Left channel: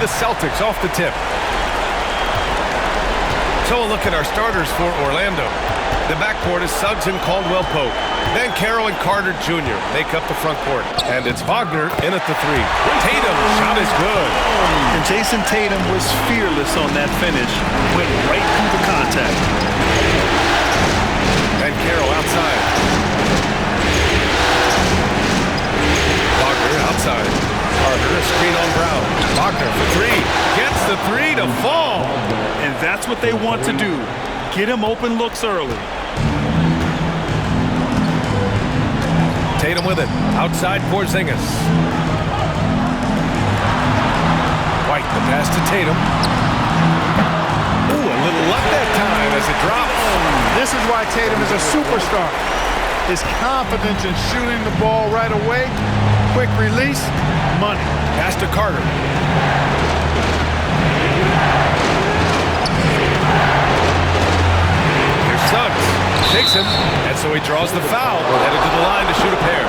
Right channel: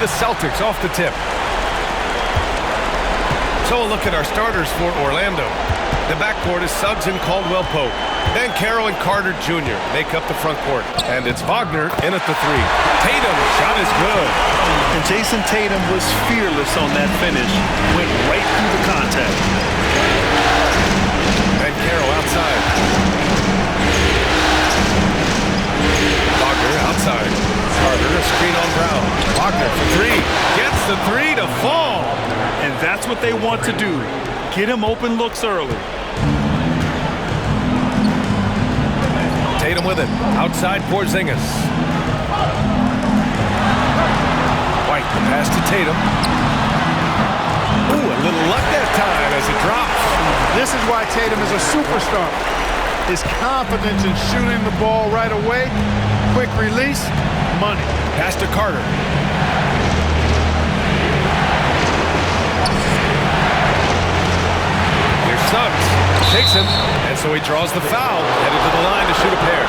the Celtics off the tip. So a look at our starters for Orlando. The backcourt is Suggs and Caldwell-Pope. Then Carroll and Carter Jr. make up the front court. And it's Wagner in at the 3. Tatum's shot is good. And Jason Tatum was fearless on that finish. Went right through the contact. And Carroll outside. Wagner outside. Carter, a screen on Brown. Wagner for 3. Gets the 3 to fall. And that's what they want to do. Get him open looks early. Tatum with it. Outside Porzingis. White, the pass to Tatum. Ooh, a little luck that time as it drops. This is why Tatum is a superstar. His confidence in shooting the ball right away, quick release, money. Pass to Carter. Here's Suggs. Takes him, and so he draws the foul. Headed to the line to shoot a pair.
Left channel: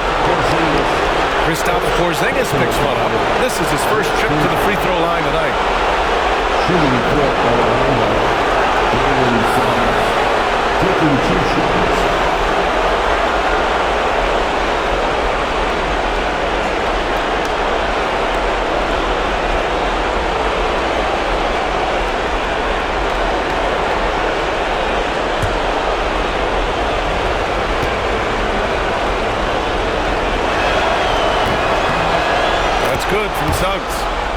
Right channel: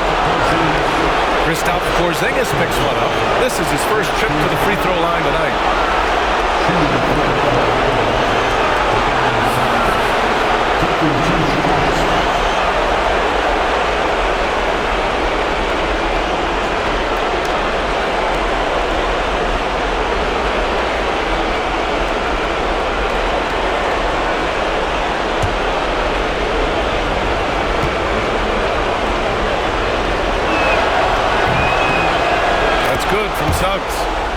Kristaps Porzingis picks one up. This is his first trip to the free throw line tonight. Taking 2 shots. Good from Suggs.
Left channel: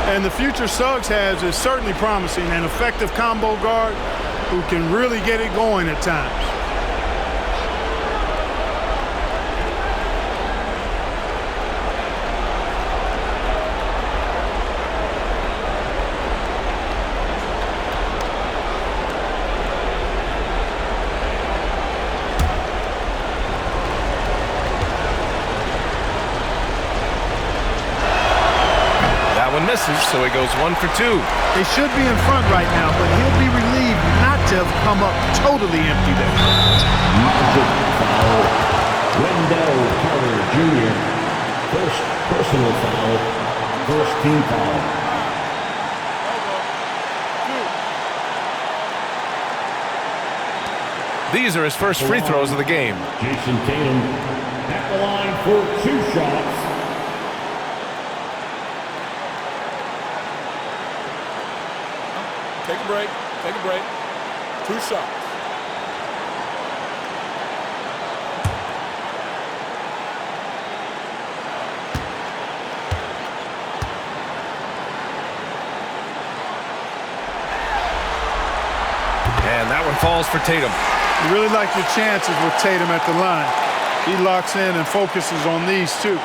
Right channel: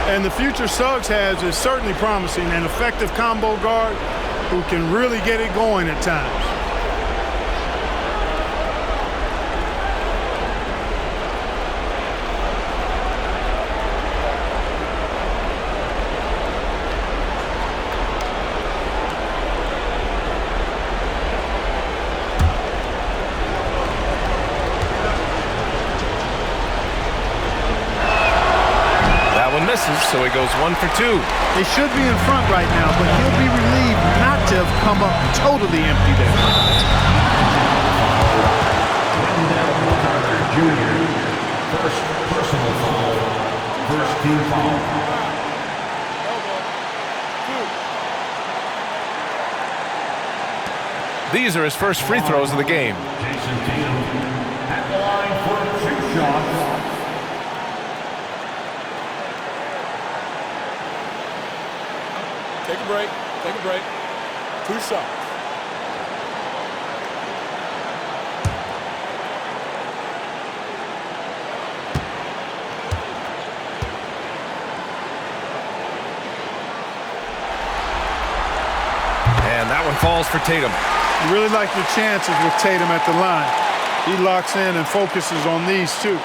And the future Suggs has is certainly promising. An effective combo guard who can really get it going at times. One misses, so he goes 1 for 2. They should be in front right now, but he'll be relieved not to have come up totally empty there. Wendell Carter Jr. First personal foul, first team foul. These are his first free throws of the game. Jason Tatum at the line for 2 shots. Take a break. Take a break. 2 shots. And that one falls for Tatum. You really like your chances with Tatum at the line. He locks in and focuses on these two.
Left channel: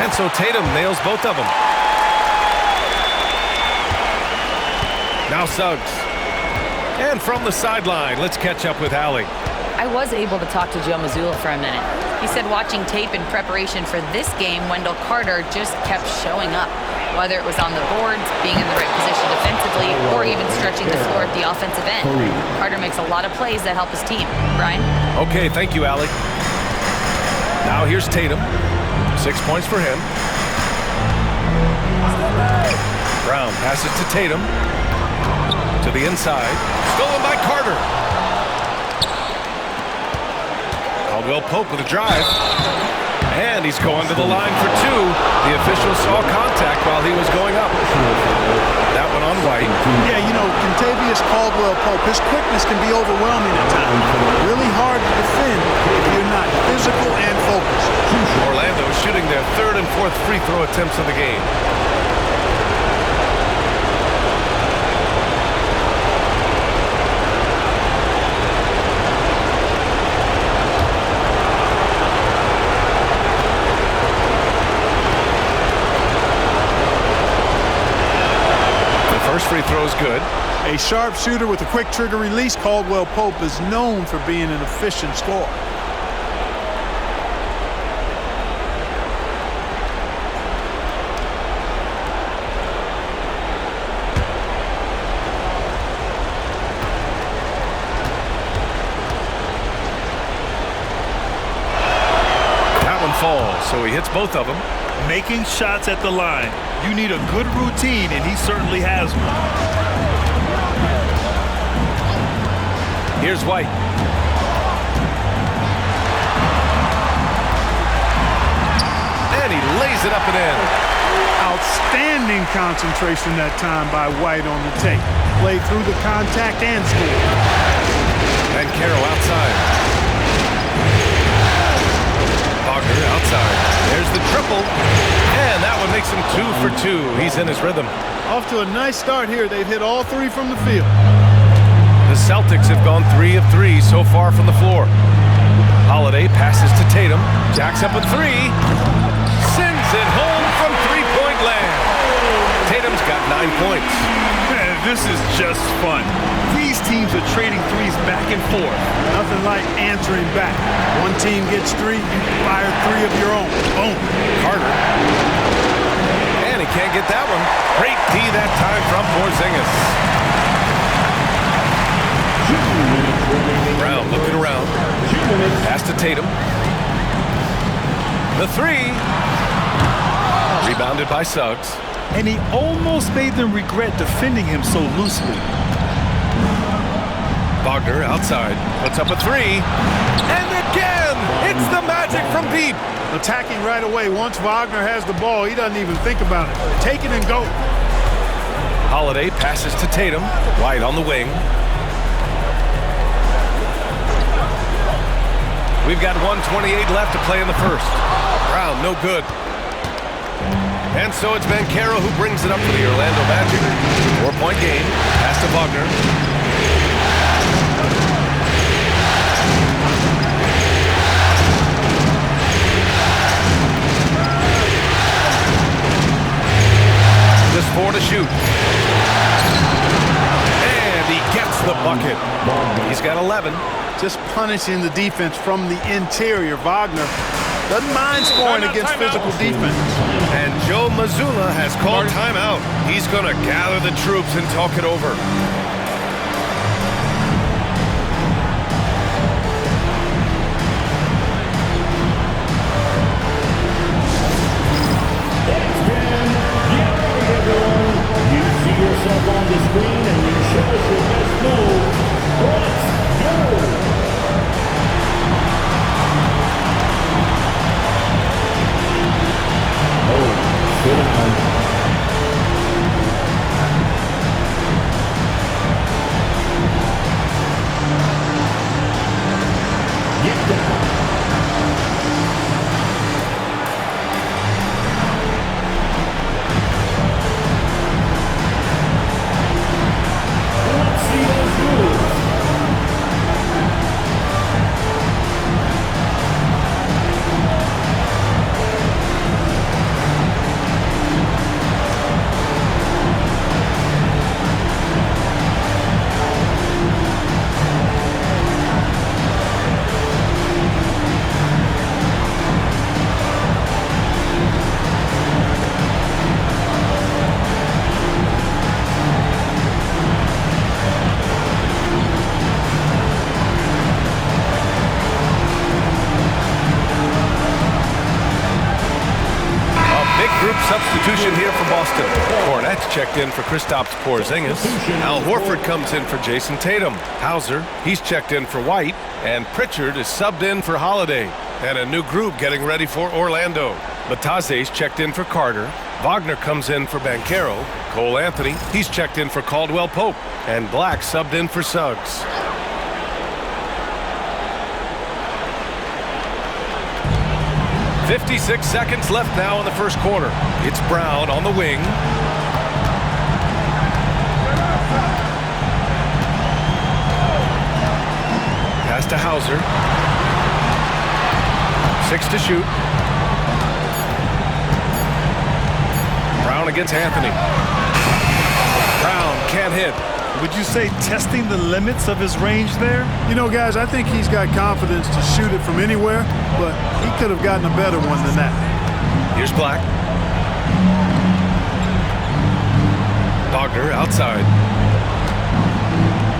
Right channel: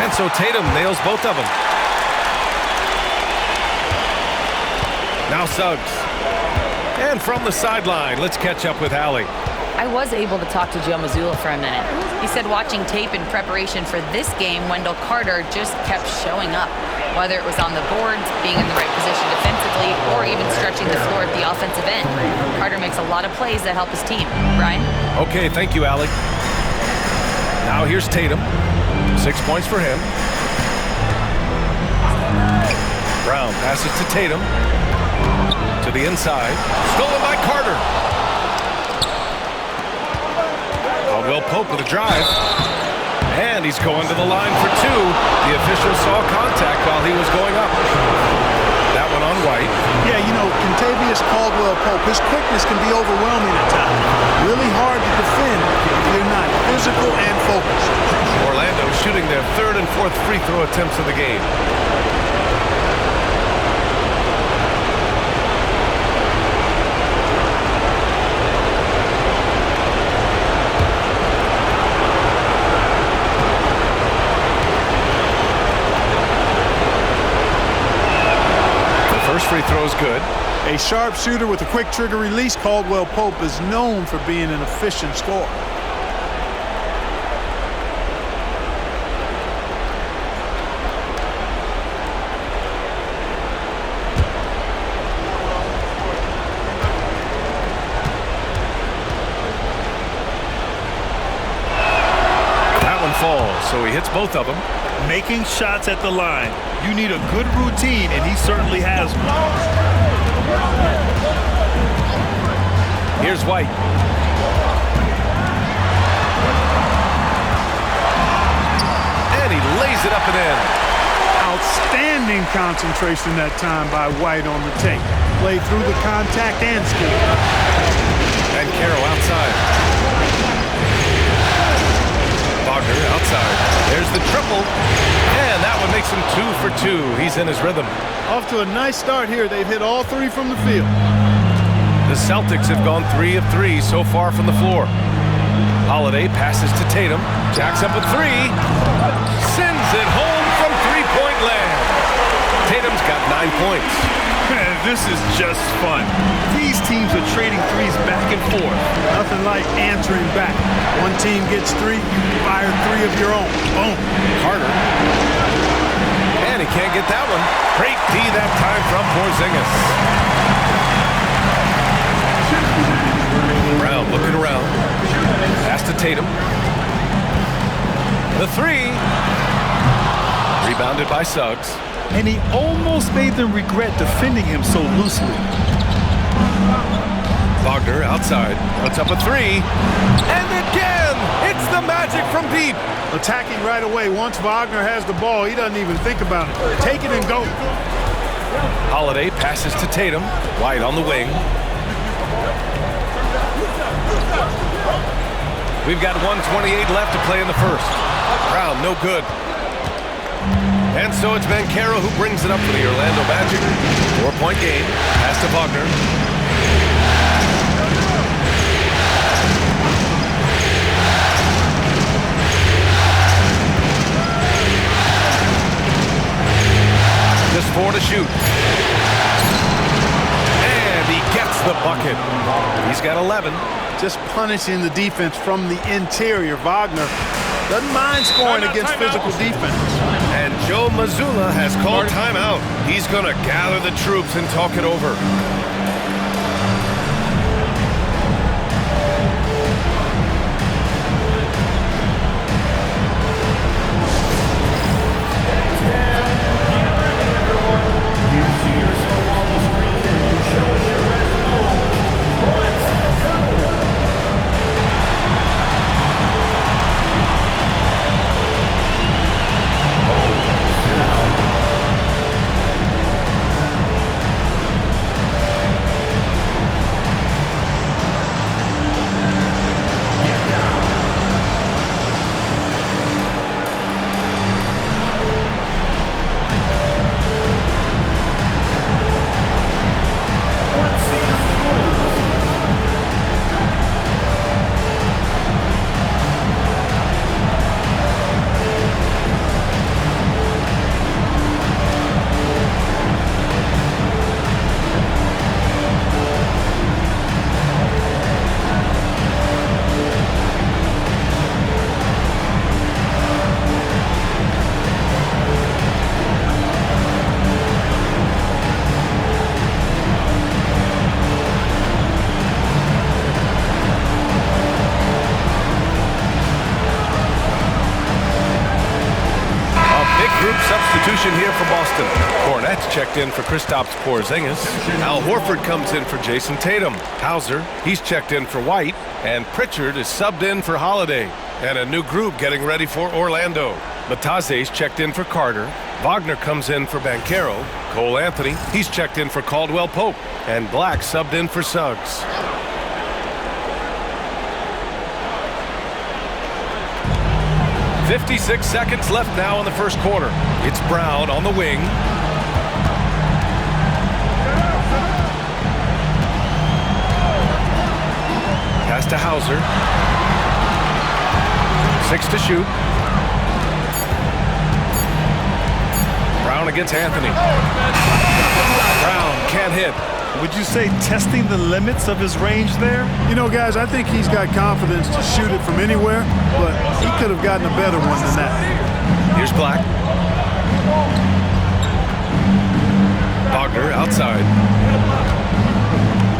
And so Tatum nails both of them. Now Suggs. And from the sideline, let's catch up with Allie. I was able to talk to Joe Mazzulla for a minute. He said watching tape in preparation for this game, Wendell Carter just kept showing up. Whether it was on the boards, being in the right position defensively, or even stretching the floor at the offensive end. Carter makes a lot of plays that help his team. Brian? Okay, thank you, Allie. Now here's Tatum. 6 points for him. Brown passes to Tatum. To the inside. Stolen by Carter. Caldwell-Pope with a drive. And he's going to the line for 2. The official saw contact while he was going up. That one on White. Yeah, you know, Kentavious Caldwell-Pope, his quickness can be overwhelming at times. Really hard to defend if you're not physical and focused. Orlando shooting their 3rd and 4th free throw attempts of the game. First free throw is good. A sharp shooter with a quick trigger release, Caldwell-Pope is known for being an efficient scorer. fall, so he hits both of them. Making shots at the line. You need a good routine, and he certainly has one. Here's White. And he lays it up and in. Outstanding concentration that time by White on the tape. Played through the contact and scored. And Carroll outside. Wagner outside. There's the triple. And that one makes him 2 for 2. He's in his rhythm. Off to a nice start here. They've hit all 3 from the field. The Celtics have gone 3 of 3 so far from the floor. Holiday passes to Tatum. Jacks up a 3. Sends it home from three-point land. Tatum's got 9 points. Man, this is just fun. These teams are trading threes back and forth. Nothing like answering back. One team gets 3, you fire 3 of your own. Boom. Carter. And he can't get that one. Great D that time from Porzingis. Brown looking around. Pass to Tatum. The 3. Rebounded by Suggs. And he almost made them regret defending him so loosely. Wagner outside. Puts up a 3. And again! It's the magic from deep. Attacking right away. Once Wagner has the ball, he doesn't even think about it. Take it and go. Holiday passes to Tatum. White on the wing. We've got 1:28 left to play in the first. Brown, no good. And so it's Banchero who brings it up for the Orlando Magic. 4-point game. Pass to Wagner. Just 4 to shoot. And he gets the bucket. He's got 11. Just punishing the defense from the interior. Wagner doesn't mind scoring against physical defense. And Joe Mazzulla has called timeout. He's going to gather the troops and talk it over. You see yourself on the screen and you show us your best move. Let's go. Oh, sit down. Get down. Let's see the rules. Group substitution here for Boston. Cornette's checked in for Kristaps Porzingis. Al Horford comes in for Jason Tatum. Hauser, he's checked in for White. And Pritchard is subbed in for Holiday. And a new group getting ready for Orlando. Bataze's checked in for Carter. Wagner comes in for Banchero. Cole Anthony, he's checked in for Caldwell Pope. And Black subbed in for Suggs. "56 seconds left now in the first quarter. It's Brown on the wing. Pass to Hauser. 6 to shoot. Brown against Anthony. Brown can't hit. Would you say testing the limits of his range there? You know, guys, I think he's got confidence to shoot it from anywhere, but he could have gotten a better one than that. Here's Black. Wagner outside.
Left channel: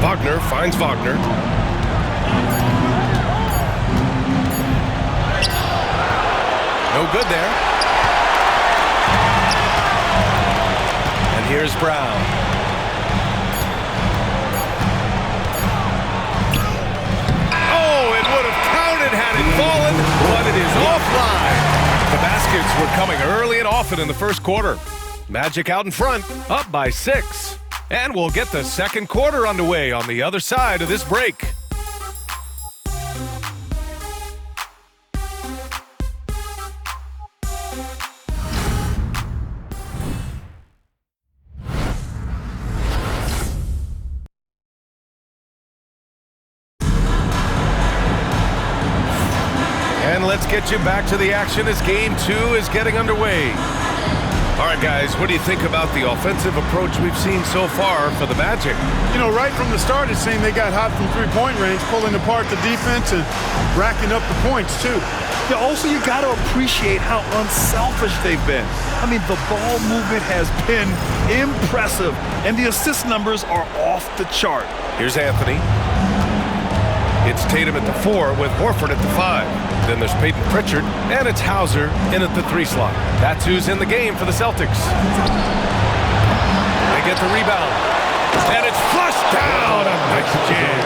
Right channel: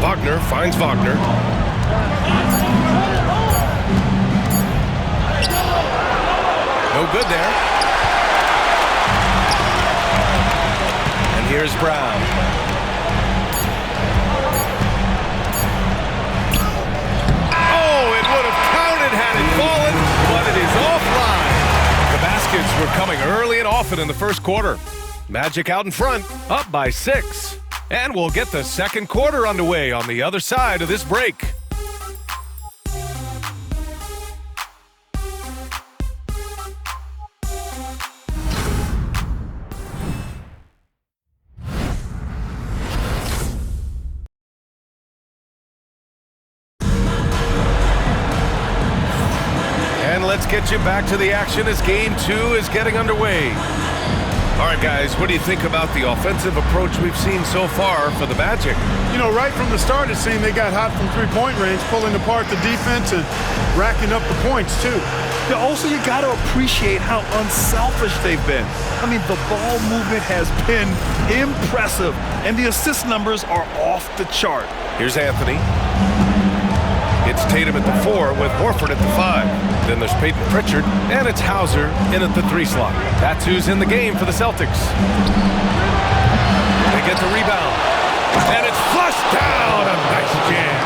Wagner finds Wagner. No good there. And here's Brown. Oh, it would have counted had it fallen, but it is offline. The baskets were coming early and often in the first quarter. Magic out in front, up by 6. And we'll get the second quarter underway on the other side of this break. And let's get you back to the action as Game 2 is getting underway. All right, guys, what do you think about the offensive approach we've seen so far for the Magic? You know, right from the start, it seemed they got hot from three-point range, pulling apart the defense and racking up the points, too. Yeah, also, you got to appreciate how unselfish they've been. I mean, the ball movement has been impressive, and the assist numbers are off the chart. Here's Anthony. It's Tatum at the 4 with Horford at the 5. Then there's Peyton Pritchard, and it's Hauser in at the 3 slot. That's who's in the game for the Celtics. They get the rebound, and it's flushed down. A nice jam.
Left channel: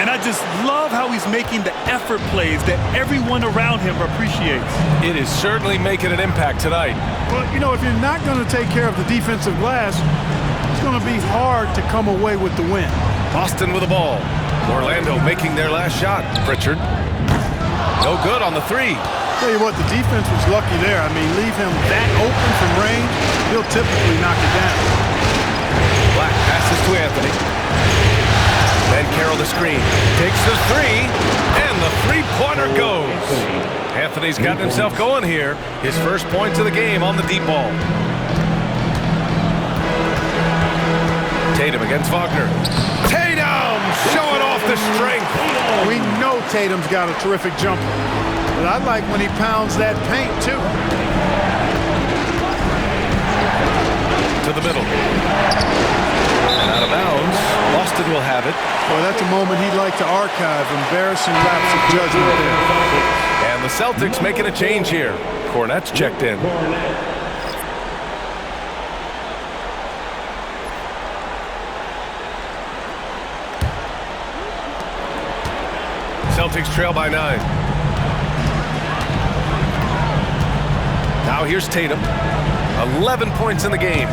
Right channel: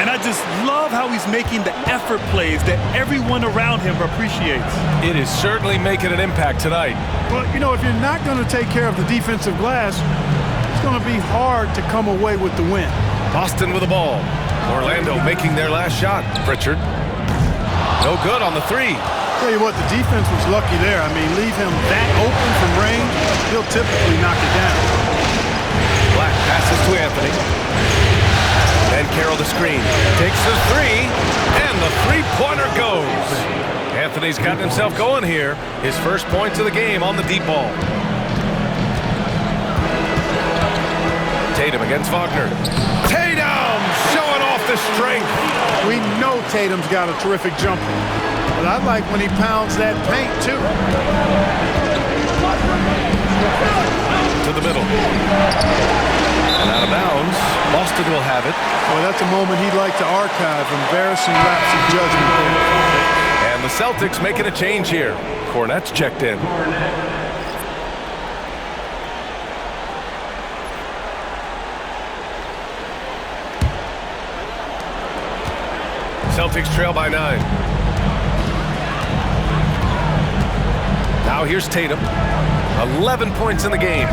And I just love how he's making the effort plays that everyone around him appreciates. It is certainly making an impact tonight. Well, you know, if you're not going to take care of the defensive glass, it's going to be hard to come away with the win. Boston with the ball. Orlando making their last shot. Pritchard. No good on the 3. Tell you what, the defense was lucky there. I mean, leave him that open from range, he'll typically knock it down. Black passes to Anthony. Then Carroll the screen. Takes the 3, and the three-pointer goes. Anthony's gotten himself going here. His first points of the game on the deep ball. Tatum against Wagner. Tatum showing off the strength. We know Tatum's got a terrific jumper, but I like when he pounds that paint, too. To the middle. And out of bounds. Boston will have it. Well, that's a moment he'd like to archive. Embarrassing lapse of judgment there. And the Celtics making a change here. Cornette's checked in. Celtics trail by 9. Now here's Tatum. 11 points in the game.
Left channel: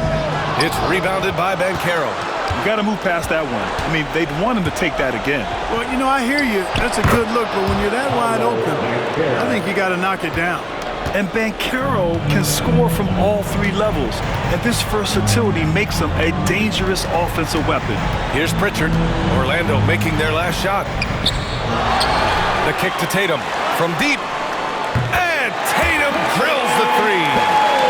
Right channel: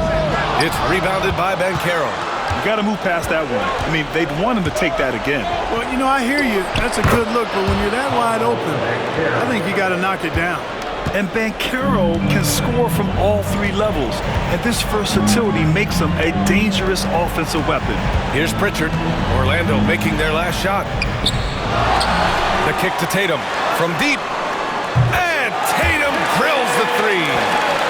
It's rebounded by Banchero. You got to move past that one. I mean, they'd want him to take that again. Well, you know, I hear you. That's a good look, but when you're that wide open, I think you got to knock it down. And Banchero can score from all 3 levels, and this versatility makes him a dangerous offensive weapon. Here's Pritchard. Orlando making their last shot. The kick to Tatum from deep. And Tatum drills the 3.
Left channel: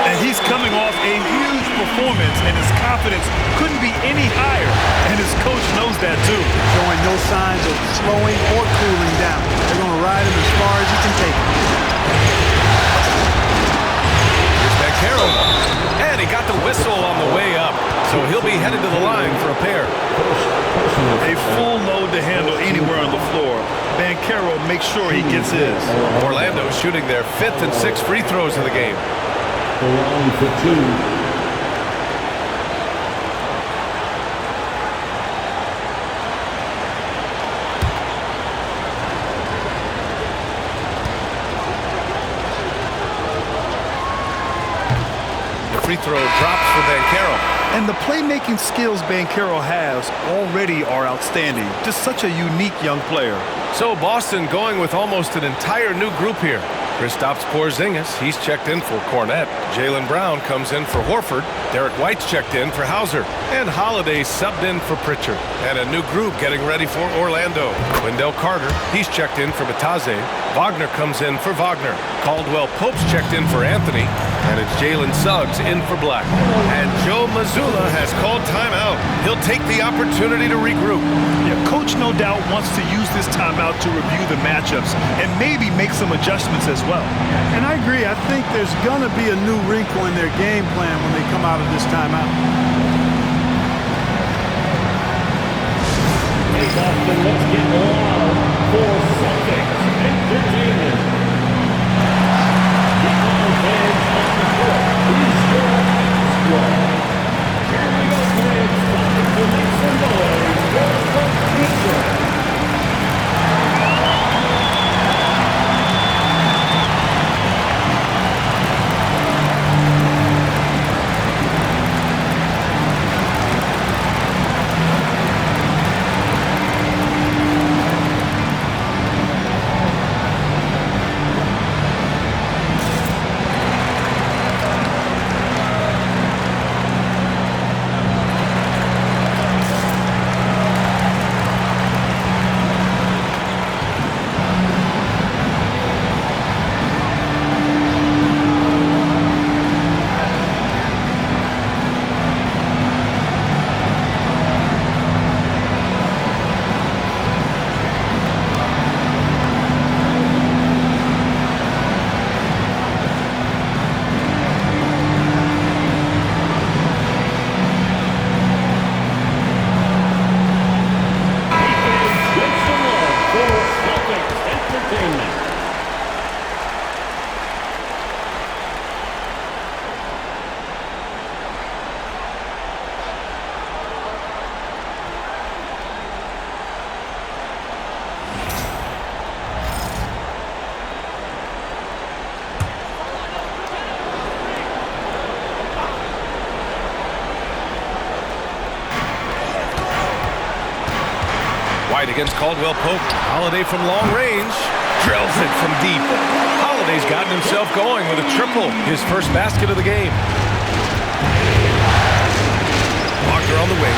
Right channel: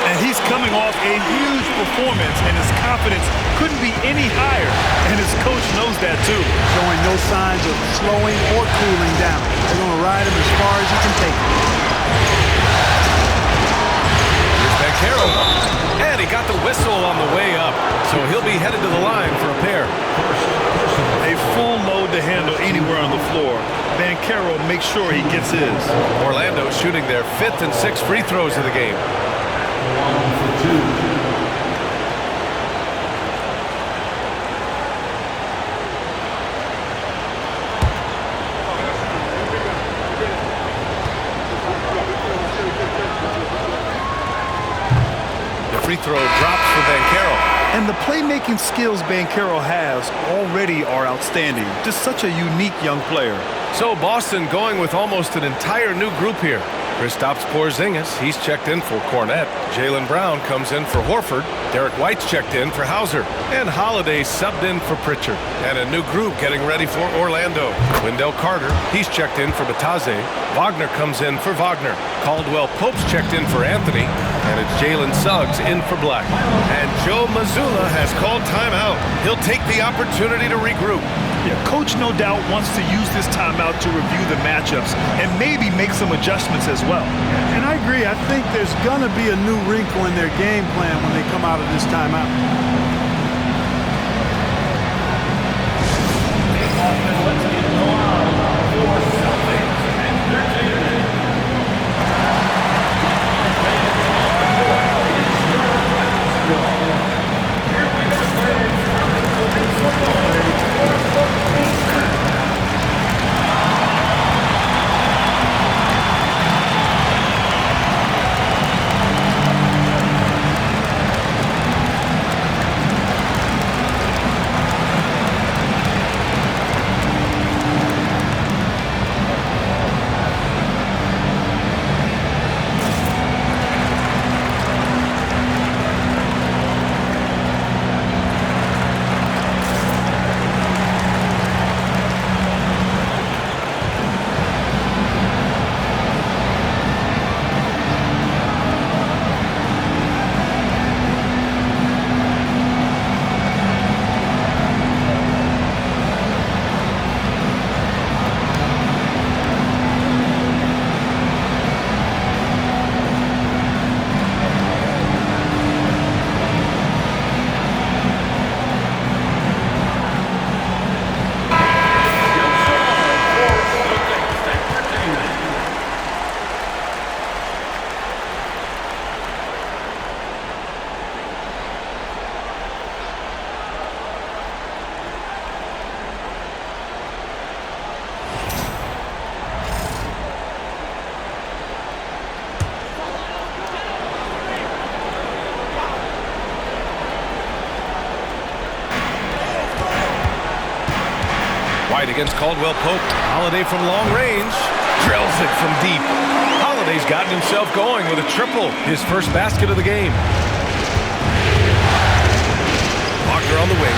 And he's coming off a huge performance, and his confidence couldn't be any higher. And his coach knows that, too. Showing no signs of slowing or cooling down. They're going to ride him as far as he can take him. Here's Banchero. And he got the whistle on the way up. So he'll be headed to the line for a pair. A full load to handle anywhere on the floor. Banchero makes sure he gets his. Orlando shooting their 5th and 6th free throws of the game. Line for 2. The free throw drops for Banchero. And the playmaking skills Banchero has already are outstanding. Just such a unique young player. So Boston going with almost an entire new group here. Kristaps Porzingis, he's checked in for Cornette. Jaylen Brown comes in for Horford. Derek White's checked in for Hauser. And Holiday subbed in for Pritchard. And a new group getting ready for Orlando. Wendell Carter, he's checked in for Bataze. Wagner comes in for Wagner. Caldwell Pope's checked in for Anthony. And it's Jalen Suggs in for Black. And Joe Mazzulla has called timeout. He'll take the opportunity to regroup. Yeah, Coach no doubt wants to use this timeout to review the matchups and maybe make some adjustments as well. And I agree. I think there's going to be a new wrinkle in their game plan when they come out of this timeout. Hey, Boston, let's get on for Celtics Entertainment. White against Caldwell Pope. Holiday from long range. Drills it from deep. Holiday's gotten himself going with a triple. His first basket of the game. Wagner on the wing.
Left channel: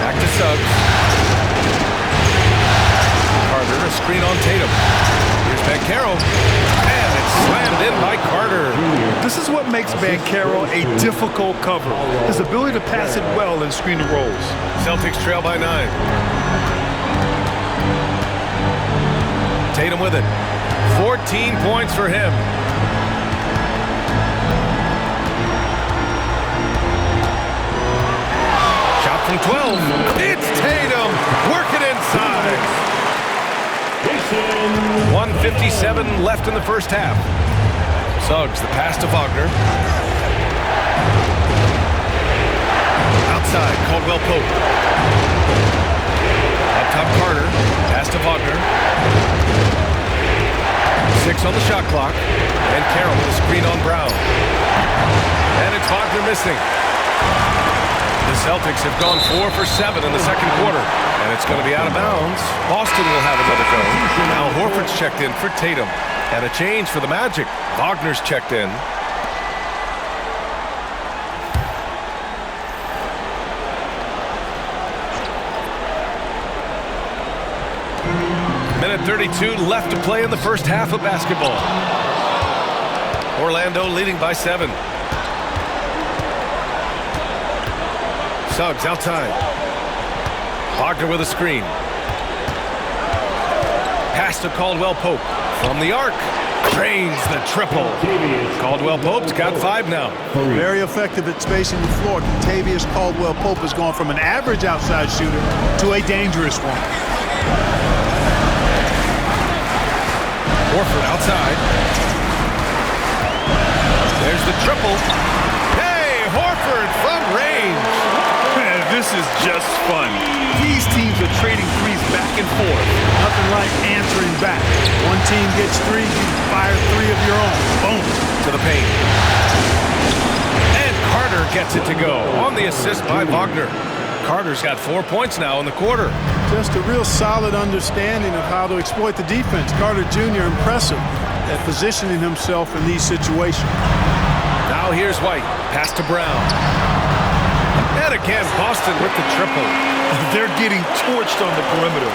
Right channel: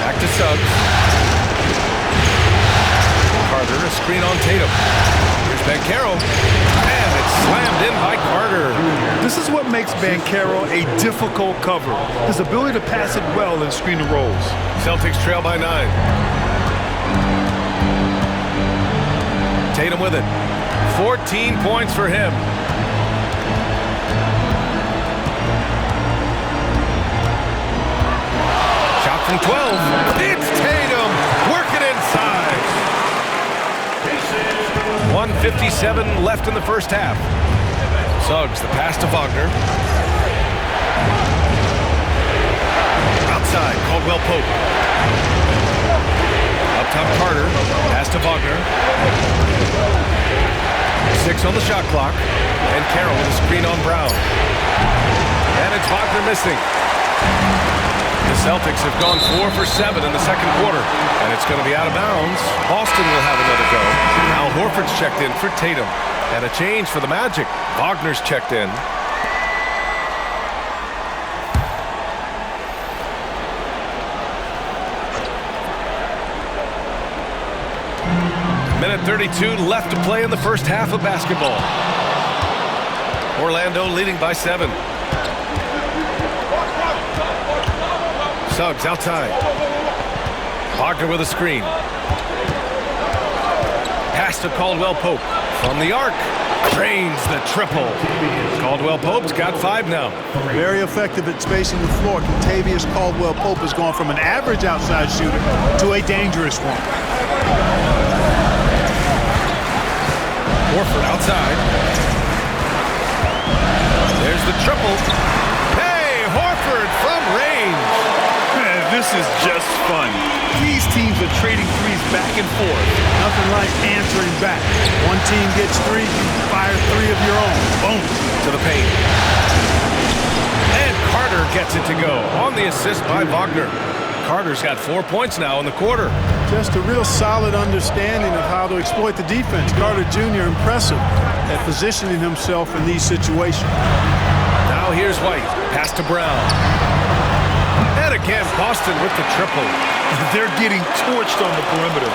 Back to Suggs. Carter, a screen on Tatum. Here's Banchero. And it's slammed in by Carter. This is what makes Banchero a difficult cover. His ability to pass it well in screen and rolls. Celtics trail by 9. Tatum with it. 14 points for him. Shot from 12. It's Tatum. Working inside. 1:57 left in the first half. Suggs, the pass to Wagner. Outside, Caldwell Pope. Up top, Carter. Pass to Wagner. 6 on the shot clock. And Carroll with a screen on Brown. And it's Wagner missing. The Celtics have gone 4 for 7 in the second quarter. And it's going to be out of bounds. Boston will have another go. Now Horford's checked in for Tatum. And a change for the Magic. Wagner's checked in. Minute 32 left to play in the first half of basketball. Orlando leading by 7. Suggs outside. Wagner with a screen. Pass to Caldwell Pope. From the arc. Drains the triple. Caldwell Pope's got 5 now. Very effective at spacing the floor. Contavious Caldwell Pope has gone from an average outside shooter to a dangerous one. Horford outside. There's the triple. Hey, Horford from range. Man, this is just fun. These teams are trading threes back and forth. Nothing like answering back. One team gets 3, you fire 3 of your own. Boom. To the paint. And Carter gets it to go on the assist by Wagner. Carter's got 4 points now in the quarter. Just a real solid understanding of how to exploit the defense. Carter Jr. impressive at positioning himself in these situations. Now here's White. Pass to Brown. And again, Boston with the triple. They're getting torched on the perimeter.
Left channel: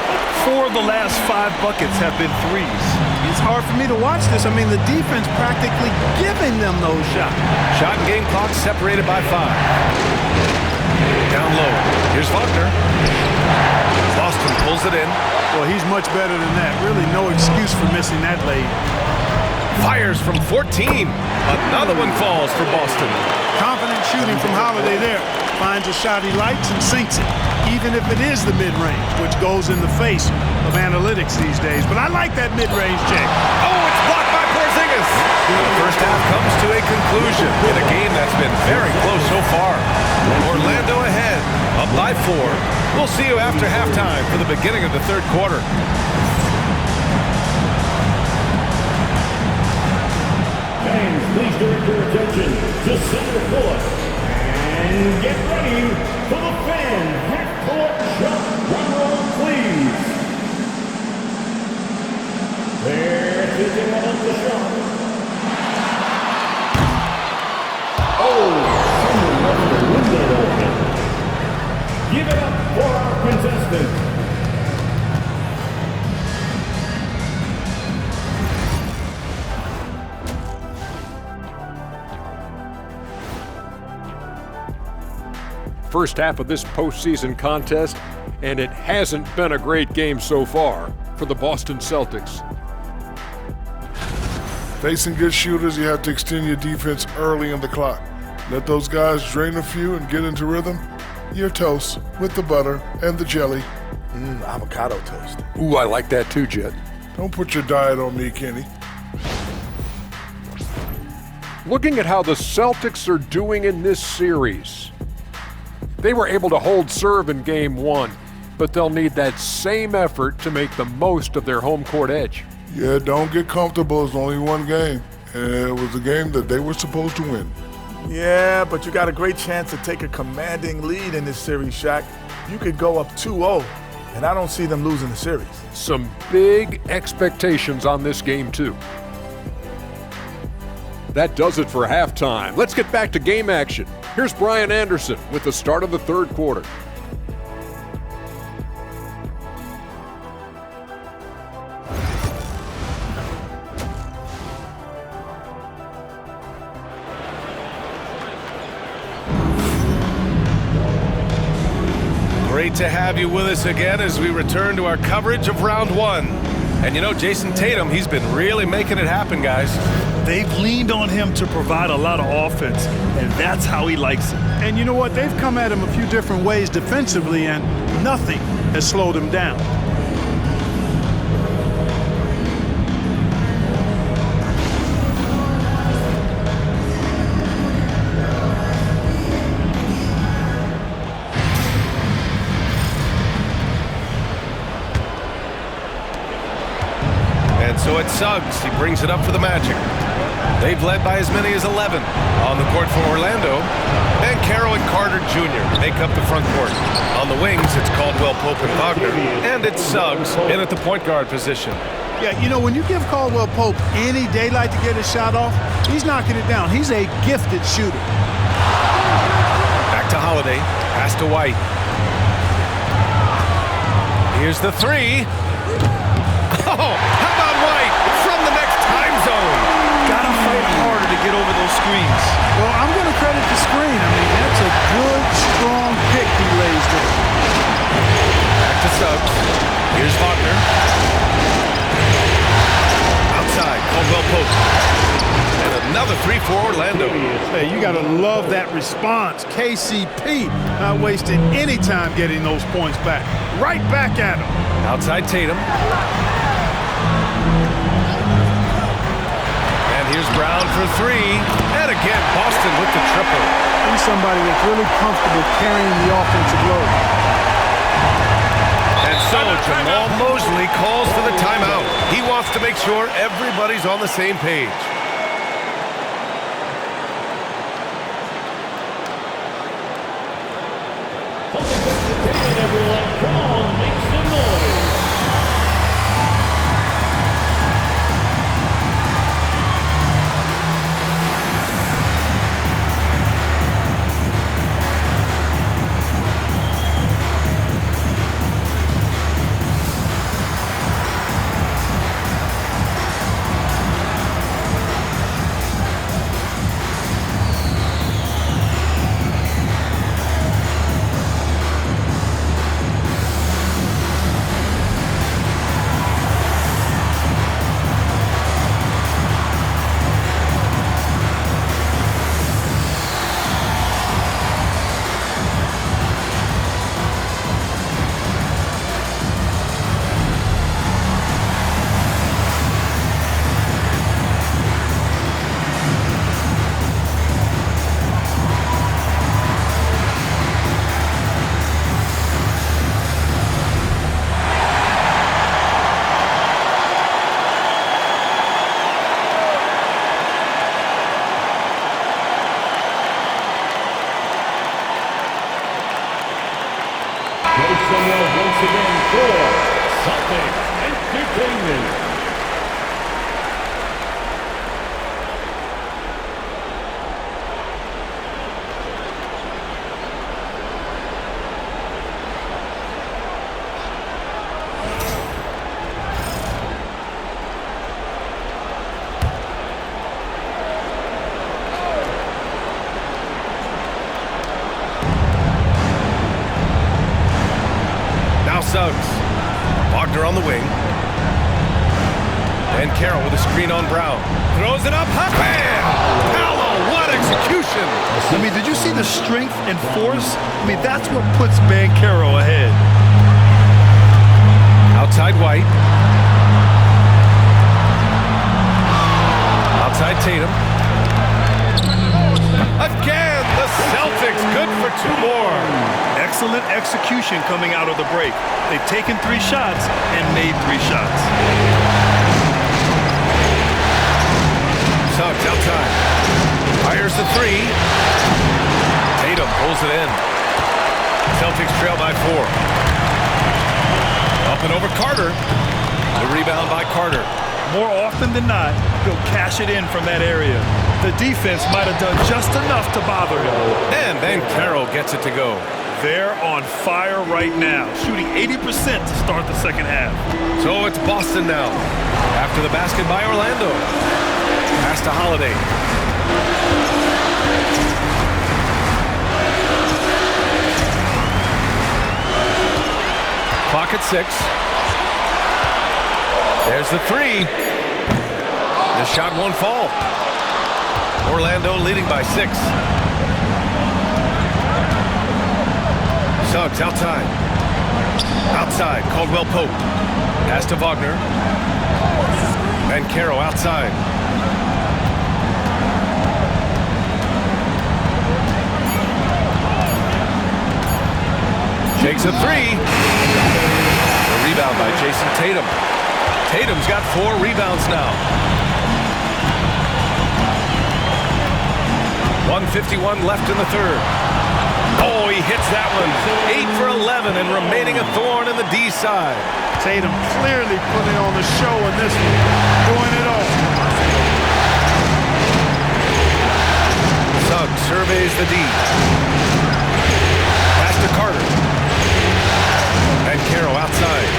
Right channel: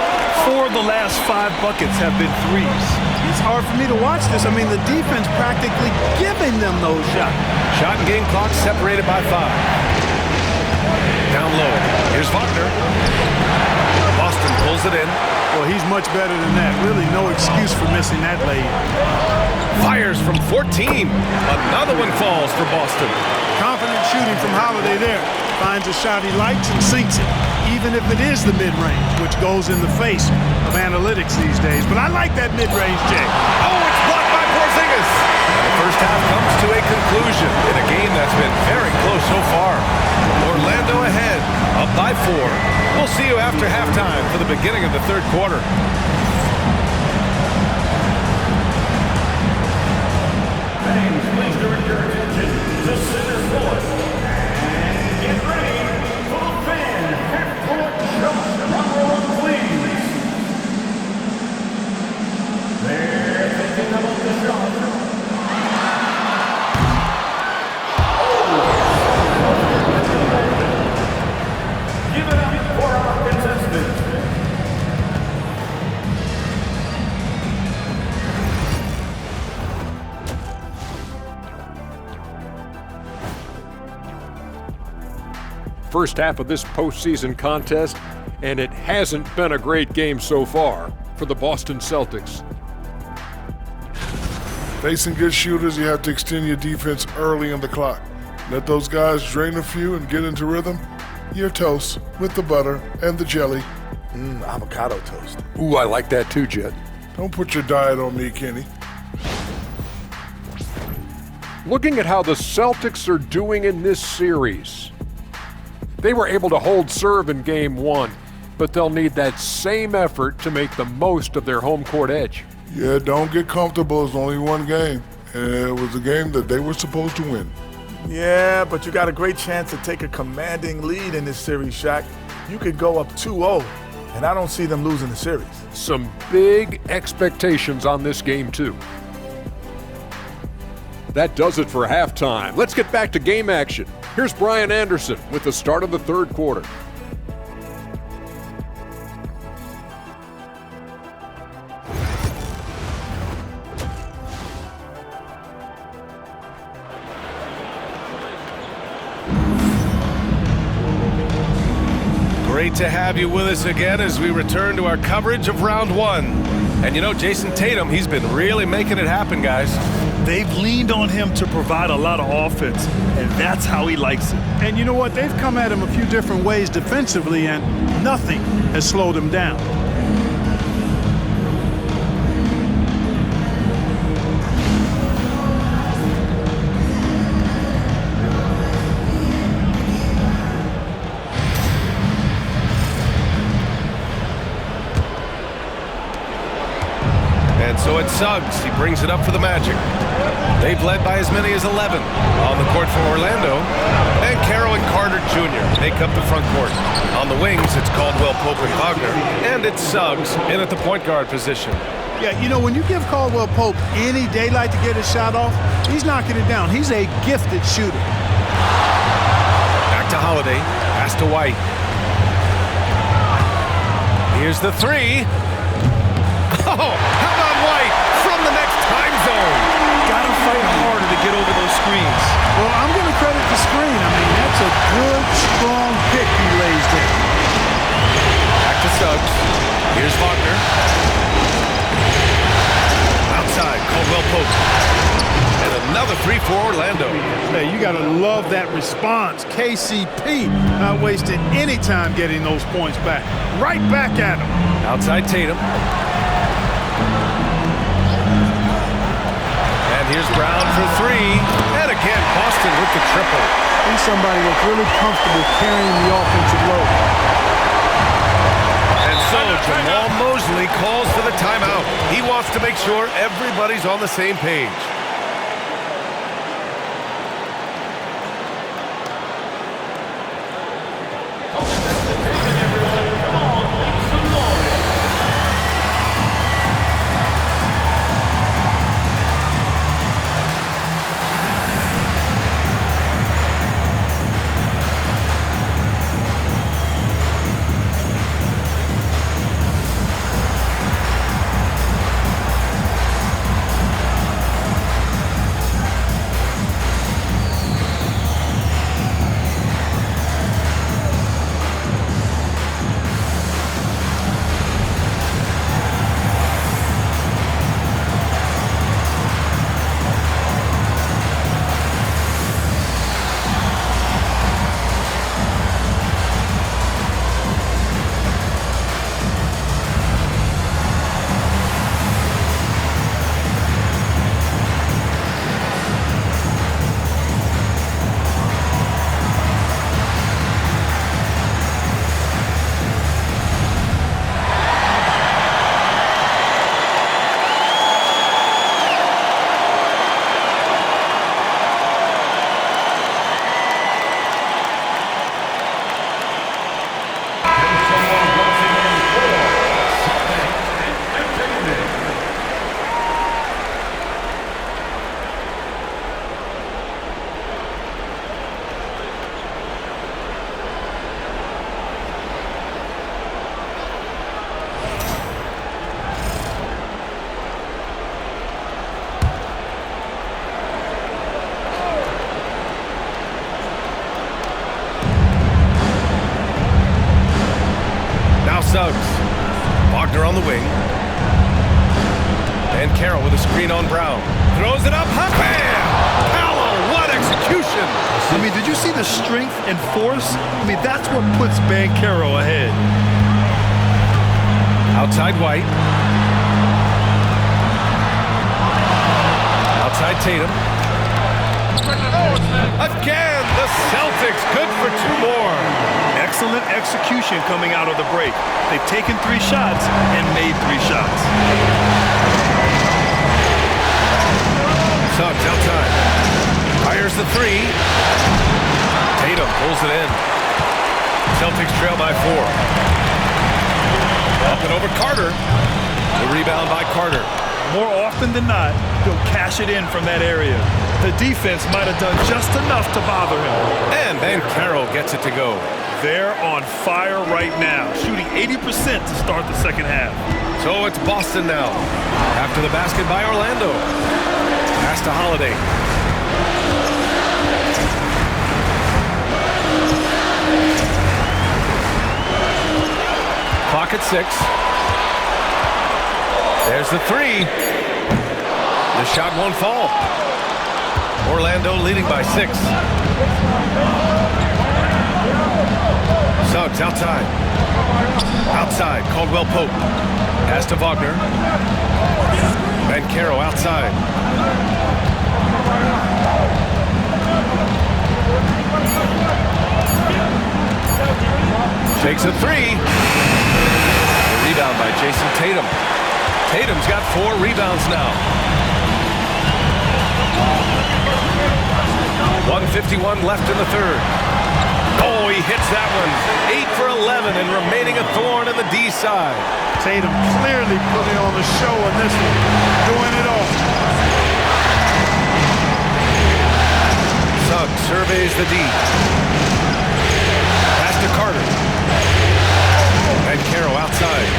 4 of the last 5 buckets have been threes. It's hard for me to watch this. I mean, the defense practically giving them those shots. Shot and game clock separated by 5. Down low. Here's Wagner. Boston pulls it in. Well, he's much better than that. Really no excuse for missing that lead. Fires from 14. Another one falls for Boston. Confident shooting from Holiday there. Finds a shot he likes and sinks it, even if it is the mid-range, which goes in the face of analytics these days. But I like that mid-range, Jay. Oh, it's blocked by Porzingis. And the first half comes to a conclusion in a game that's been very close so far. Orlando ahead, up by 4. We'll see you after halftime for the beginning of the third quarter. Fans, please direct your attention to center court. And get ready for the fan half-court shot. Drum roll, please. They're thinking about the shot. Give it up for our contestants. First half of this postseason contest, and it hasn't been a great game so far for the Boston Celtics. Facing good shooters, you have to extend your defense early in the clock. Let those guys drain a few and get into rhythm. Your toast with the butter and the jelly. Avocado toast. Ooh, I like that too, Jet. Don't put your diet on me, Kenny. Looking at how the Celtics are doing in this series, they were able to hold serve in Game 1, but they'll need that same effort to make the most of their home court edge. Yeah, don't get comfortable. It's only one game. And it was a game that they were supposed to win. Yeah, but you got a great chance to take a commanding lead in this series, Shaq. You could go up 2-0, and I don't see them losing the series. Some big expectations on this game, too. That does it for halftime. Let's get back to game action. Here's Brian Anderson with the start of the third quarter. Great to have you with us again as we return to our coverage of round one. And you know, Jason Tatum, he's been really making it happen, guys. They've leaned on him to provide a lot of offense, and that's how he likes it. And you know what? They've come at him a few different ways defensively, and nothing has slowed him down. And so it's Suggs. He brings it up for the Magic. They've led by as many as 11. On the court for Orlando, and Carroll and Carter Jr. make up the front court. On the wings, it's Caldwell Pope and Wagner. And it's Suggs in at the point guard position. Yeah, you know, when you give Caldwell Pope any daylight to get his shot off, he's knocking it down. He's a gifted shooter. Back to Holiday. Pass to White. Here's the three. Oh, how about White from the next time zone? Gotta fight harder to get over those screens. Well, I'm going to credit the screen. I mean, that's a good, strong pick he lays there. Back to Suggs. Here's Wagner. Outside, Caldwell Pope. And another three for Orlando. Hey, you got to love that response. KCP not wasting any time getting those points back. Right back at him. Outside Tatum. And here's Brown for three. And again, Boston with the triple. He's somebody that's really comfortable carrying the offensive load. And so Jamal Mosley calls for the timeout. He wants to make sure everybody's on the same page. Suggs. Wagner on the wing. And Carroll with a screen on Brown. Throws it up. Bam! Paolo, what execution! I mean, did you see the strength and force? I mean, that's what puts Banchero ahead. Outside White. Outside Tatum. Again, the Celtics good for two more. Excellent execution coming out of the break. They've taken 3 shots and made 3 shots. Suggs outside. Fires the three. Tatum pulls it in. Celtics trail by 4. Up and over Carter. The rebound by Carter. More often than not, he'll cash it in from that area. The defense might have done just enough to bother him. And Banchero gets it to go. They're on fire right now, shooting 80% to start the second half. So it's Boston now. After the basket by Orlando. Pass to Holiday. Clock at 6. There's the three. The shot won't fall. Orlando leading by 6. Suggs outside. Outside, Caldwell Pope. Pass to Wagner. Banchero outside. Takes a three. The rebound by Jason Tatum. Tatum's got 4 rebounds now. 1:51 left in the third. Oh, he hits that one. 8 for 11 and remaining a thorn in the D side. Tatum clearly putting on the show in this one, doing it all. Suggs surveys the D. Pass to Carter. And Banchero outside.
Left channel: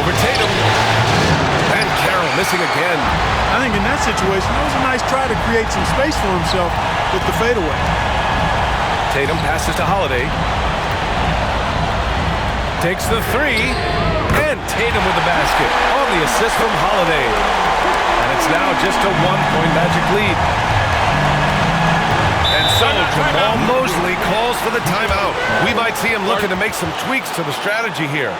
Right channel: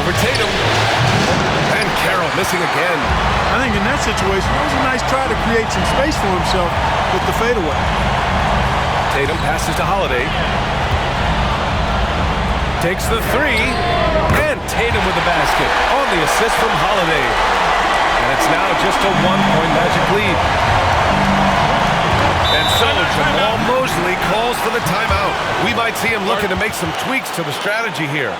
Over Tatum. Banchero missing again. I think in that situation, it was a nice try to create some space for himself with the fadeaway. Tatum passes to Holiday. Takes the three. And Tatum with the basket on the assist from Holiday. And it's now just a 1-point Magic lead. And so Jamal Mosley calls for the timeout. We might see him looking to make some tweaks to the strategy here.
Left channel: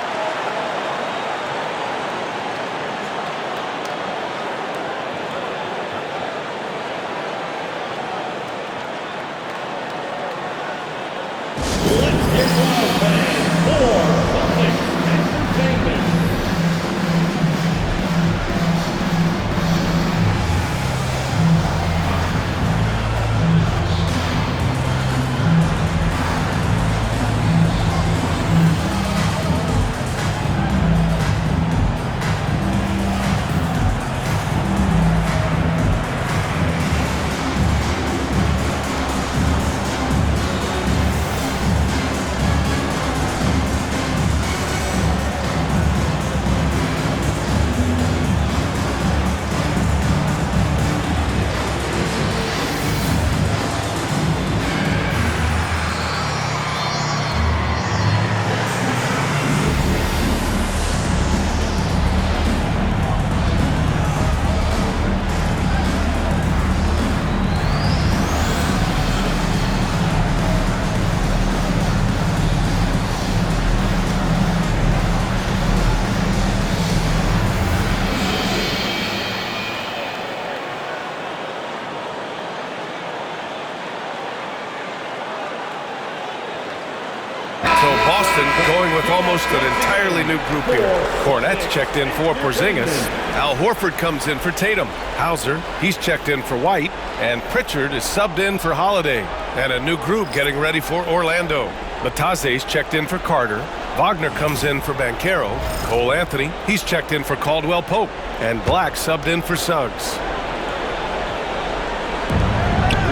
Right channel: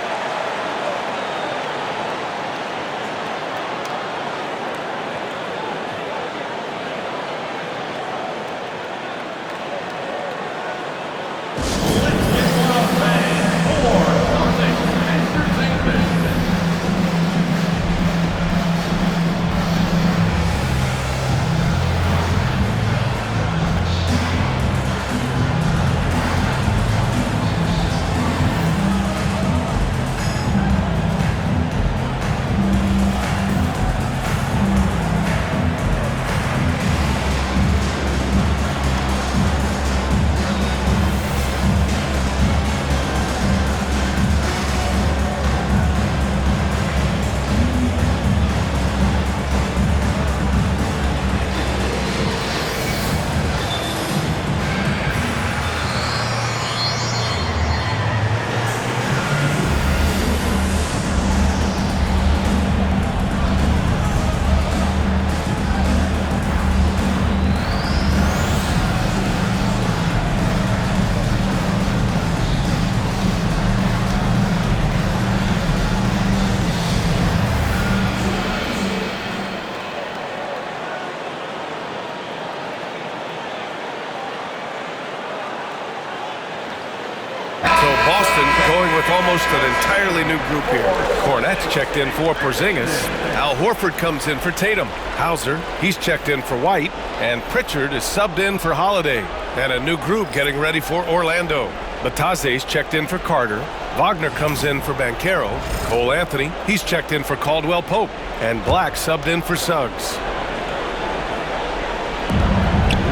Boston going with almost an entirely new group here. Cornette's checked in for Porzingis. Al Horford comes in for Tatum. Hauser, he's checked in for White. And Pritchard is subbed in for Holiday. And a new group getting ready for Orlando. Bataze's checked in for Carter. Wagner comes in for Banchero. Cole Anthony, he's checked in for Caldwell Pope. And Black subbed in for Suggs.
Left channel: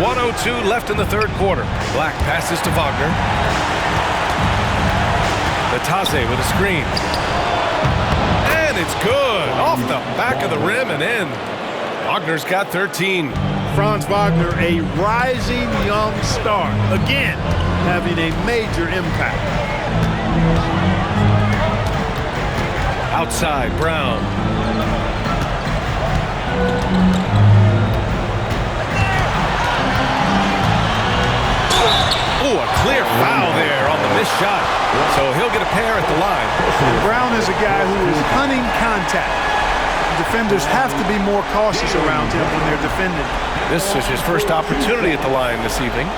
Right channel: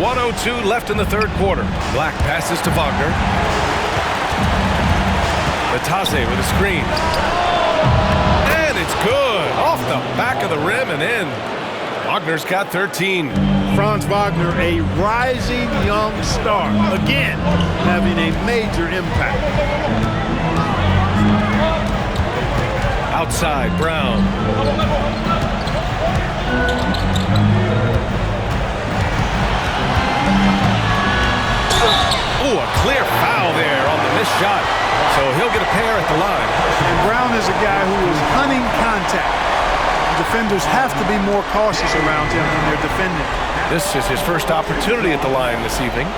1:02 left in the third quarter. Black passes to Wagner. Bataze with a screen. And it's good. Off the back of the rim and in. Wagner's got 13. Franz Wagner, a rising young star. Again, having a major impact. Outside, Brown. Oh, a clear foul there on the missed shot. So he'll get a pair at the line. And Brown is a guy who is hunting contact. Defenders have to be more cautious around him when they're defending. This is his first opportunity at the line this evening.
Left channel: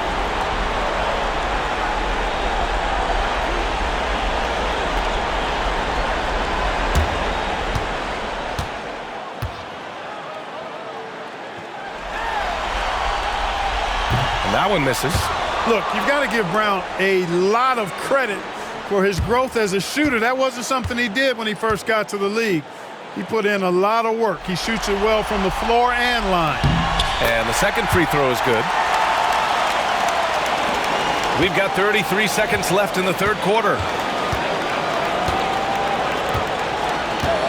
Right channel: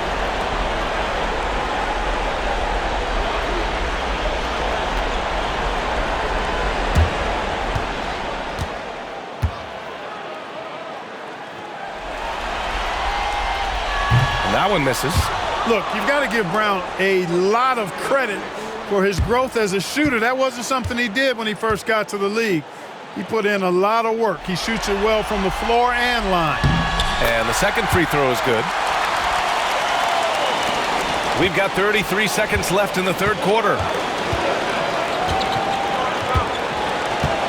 That one misses. Look, you've got to give Brown a lot of credit for his growth as a shooter. That wasn't something he did when he first got to the league. He put in a lot of work. He shoots it well from the floor and line. And the second free throw is good. We've got 33 seconds left in the third quarter.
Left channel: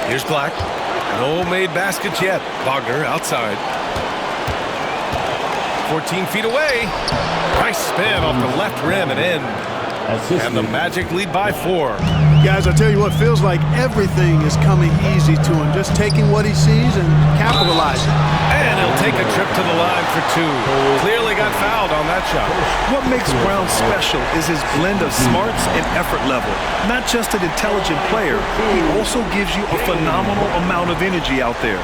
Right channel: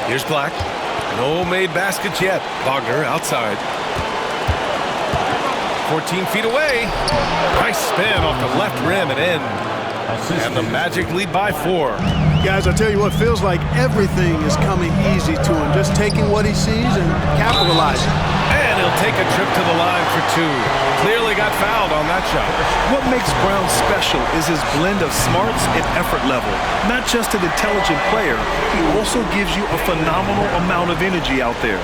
Here's Black. No made baskets yet. Wagner outside. 14 feet away. Nice spin off the left rim and in. And the Magic lead by 4. Guys, I tell you what, feels like everything is coming easy to him. Just taking what he sees and capitalizing. And he'll take a trip to the line for 2. Clearly got fouled on that shot. What makes Brown special is his blend of smarts and effort level. Not just an intelligent player, he also gives you a phenomenal amount of energy out there.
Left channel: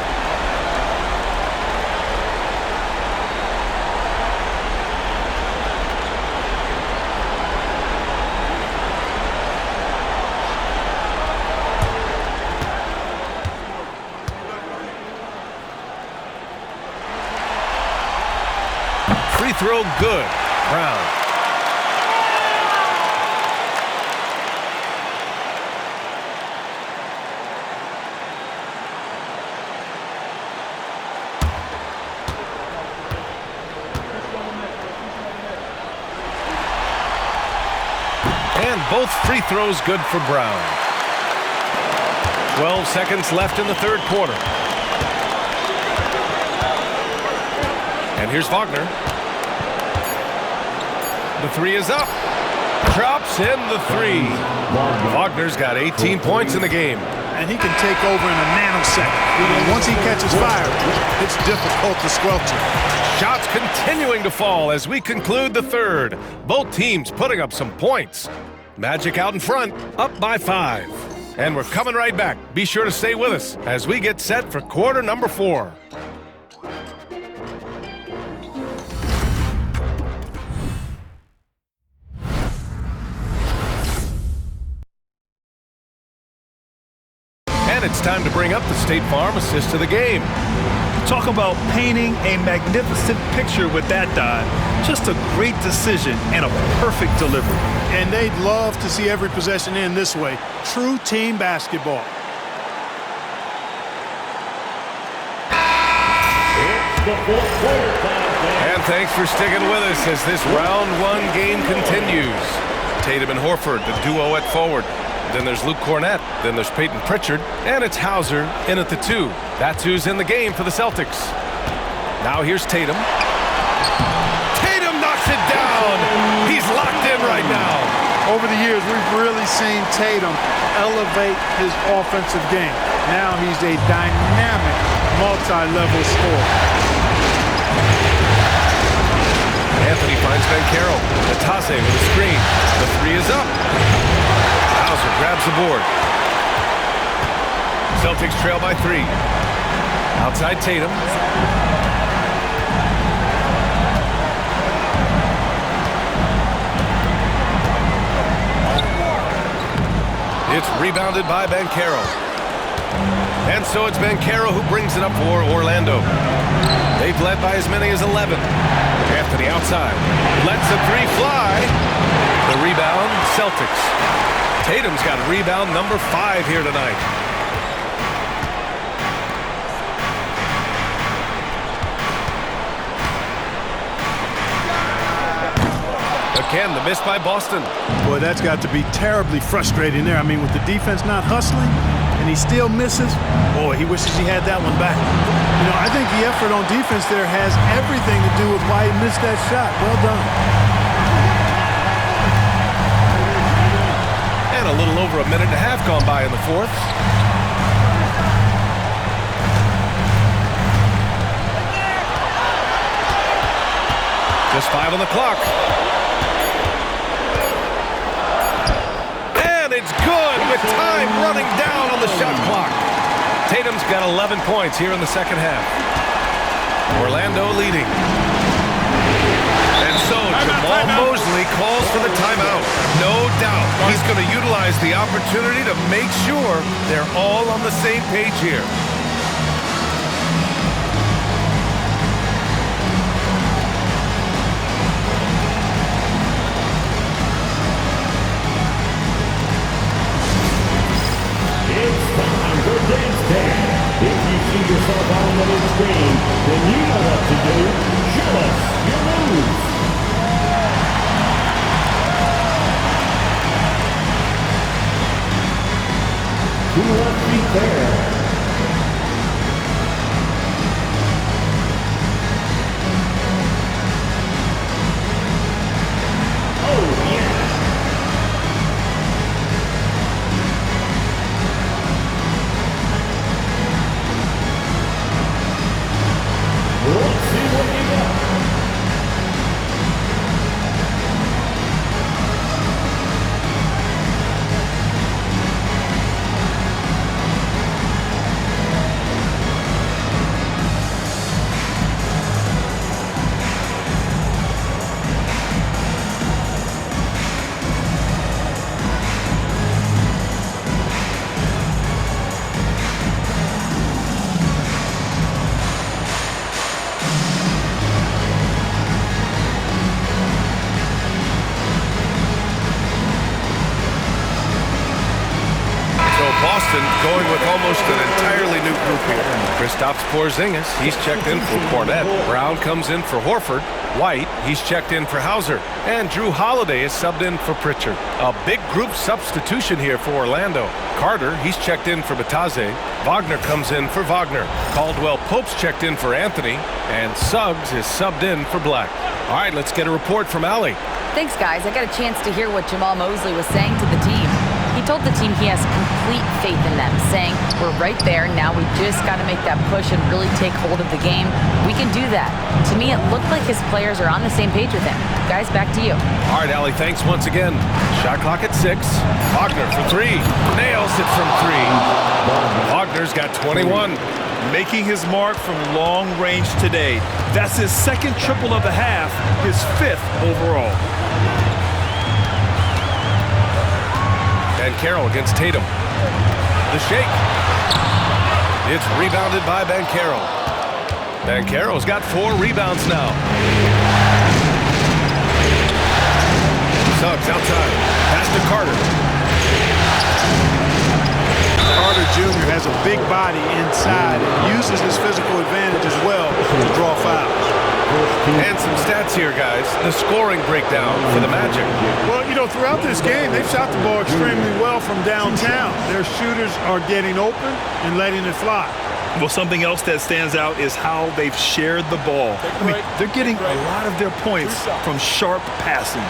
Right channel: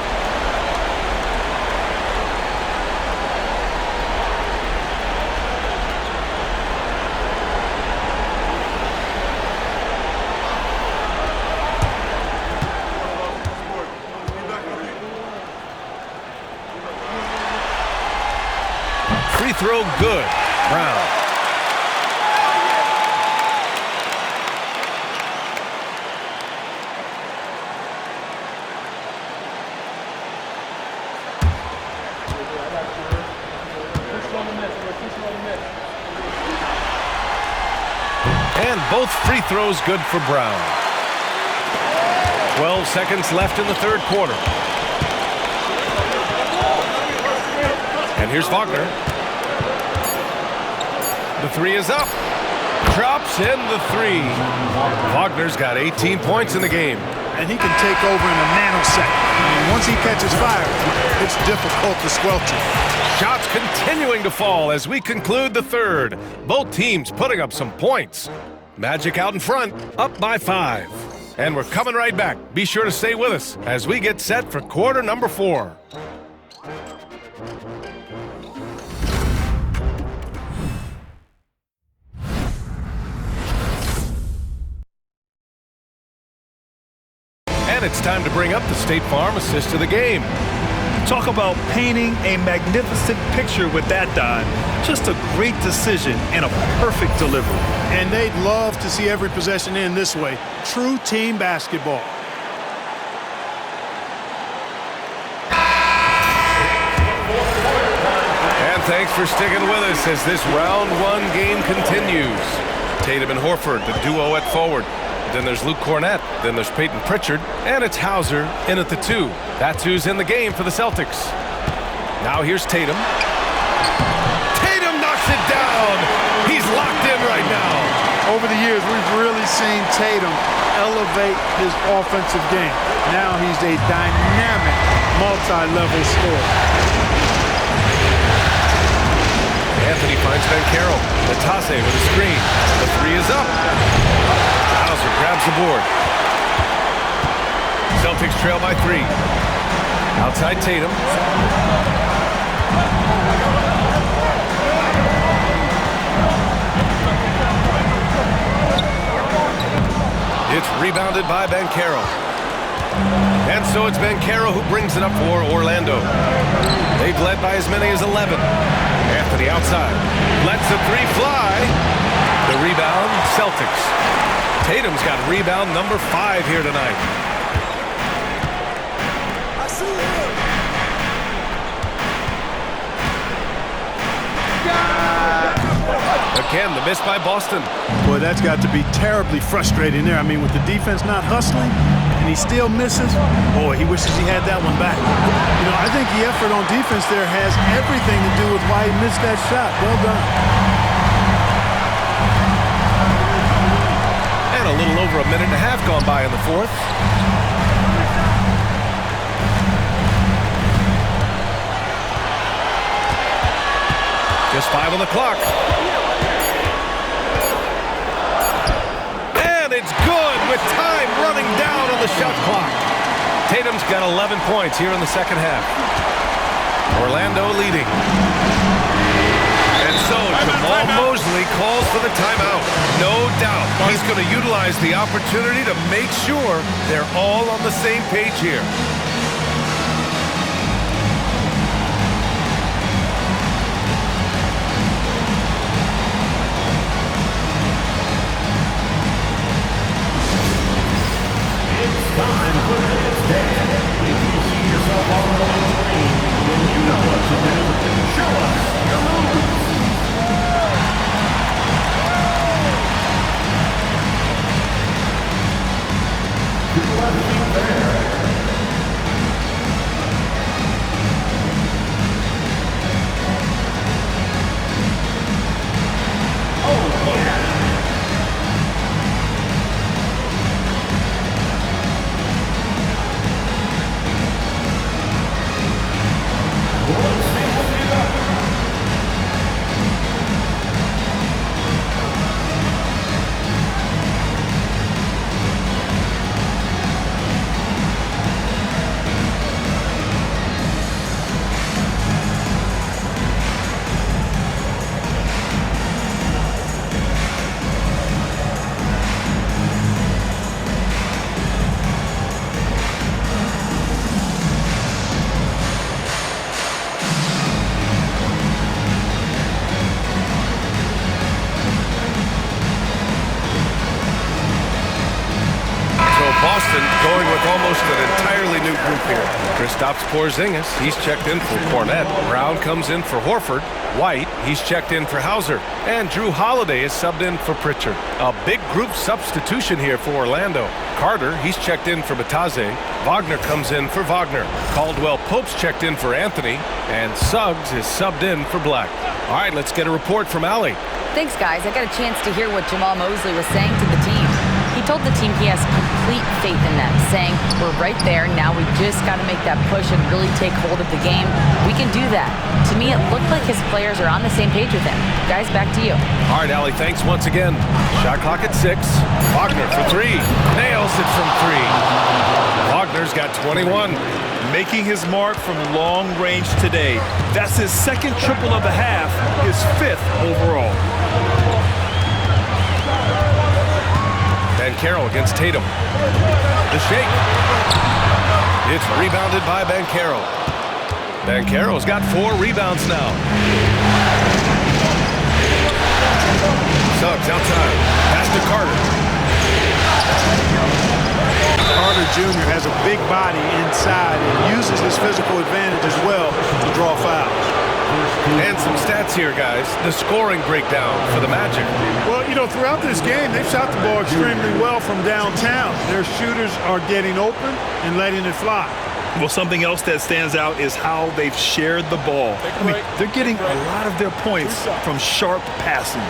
Free throw good. Brown. And both free throws good for Brown. 12 seconds left in the third quarter. And here's Wagner. The 3 is up. Drops in the 3. Wagner's got 18 points in the game. And he can take over in a nanosecond. I mean, once he catches fire, it's difficult to squelch it. Shots continuing to fall as we conclude the third. Both teams putting up some points. Magic out in front, up by 5. And we're coming right back. Be sure to stay with us as we get set for quarter number 4. And it's time to bring up the State Farm assist of the game. Talk about painting a magnificent picture with that dive. Just a great decision and a perfect delivery. And they'd love to see every possession end this way. True team basketball. And thanks for sticking with us as this round 1 game continues. Tatum and Horford, the duo at forward. Then there's Luke Cornett. Then there's Peyton Pritchard. And it's Hauser in at the 2. That's who's in the game for the Celtics. Now here's Tatum. Tatum knocks it down. He's locked in right now. Over the years, we've really seen Tatum elevate his offensive game. Now he's a dynamic, multi-level scorer. Anthony finds Banchero. Natase with a screen. The 3 is up. Hauser grabs the board. Celtics trail by 3. Outside Tatum. It's rebounded by Banchero. And so it's Banchero who brings it up for Orlando. They've led by as many as 11. Anthony outside. Lets the 3 fly. The rebound, Celtics. Tatum's got rebound number 5 here tonight. Again, the miss by Boston. Boy, that's got to be terribly frustrating there. I mean, with the defense not hustling and he still misses, boy, he wishes he had that one back. You know, I think the effort on defense there has everything to do with why he missed that shot. Well done. And a little over a minute and a half gone by in the fourth. Just 5 on the clock. And it's good with time running down on the shot clock. Tatum's got 11 points here in the second half. Orlando leading. And so Jamal Mosley calls for the timeout. No doubt he's going to utilize the opportunity to make sure they're all on the same page here. Boston going with almost an entirely new group here. Kristaps Porzingis, he's checked in for Cornette. Brown comes in for Horford. White, he's checked in for Hauser. And Drew Holiday is subbed in for Pritchard. A big group substitution here for Orlando. Carter, he's checked in for Bataze. Wagner comes in for Wagner. Caldwell Pope's checked in for Anthony. And Suggs is subbed in for Black. All right, let's get a report from Allie. Thanks, guys. I got a chance to hear what Jamal Mosley was saying to the team. He told the team he has complete faith in them, saying, we're right there, now we just got to make that push and really take hold of the game. We can do that. To me, it looked like his players are on the same page with him. Guys, back to you. All right, Allie, thanks once again. Shot clock at 6. Wagner for 3. Nails it from 3. Wagner's got 21. Making his mark from long range today. That's his second triple of the half, his 5th overall. And Carroll against Tatum. The shake. It's rebounded by Banchero. Banchero's got 4 rebounds now. Suggs outside. Pass to Carter. Carter Jr. has a big body inside and uses his physical advantage as well to draw fouls. And some stats here, guys. The scoring breakdown for the Magic. Well, you know, throughout this game, they've shot the ball extremely well from downtown. Their shooters are getting open and letting it fly. Well, something else that stands out is how they've shared the ball. I mean, they're getting a lot of their points from sharp passing.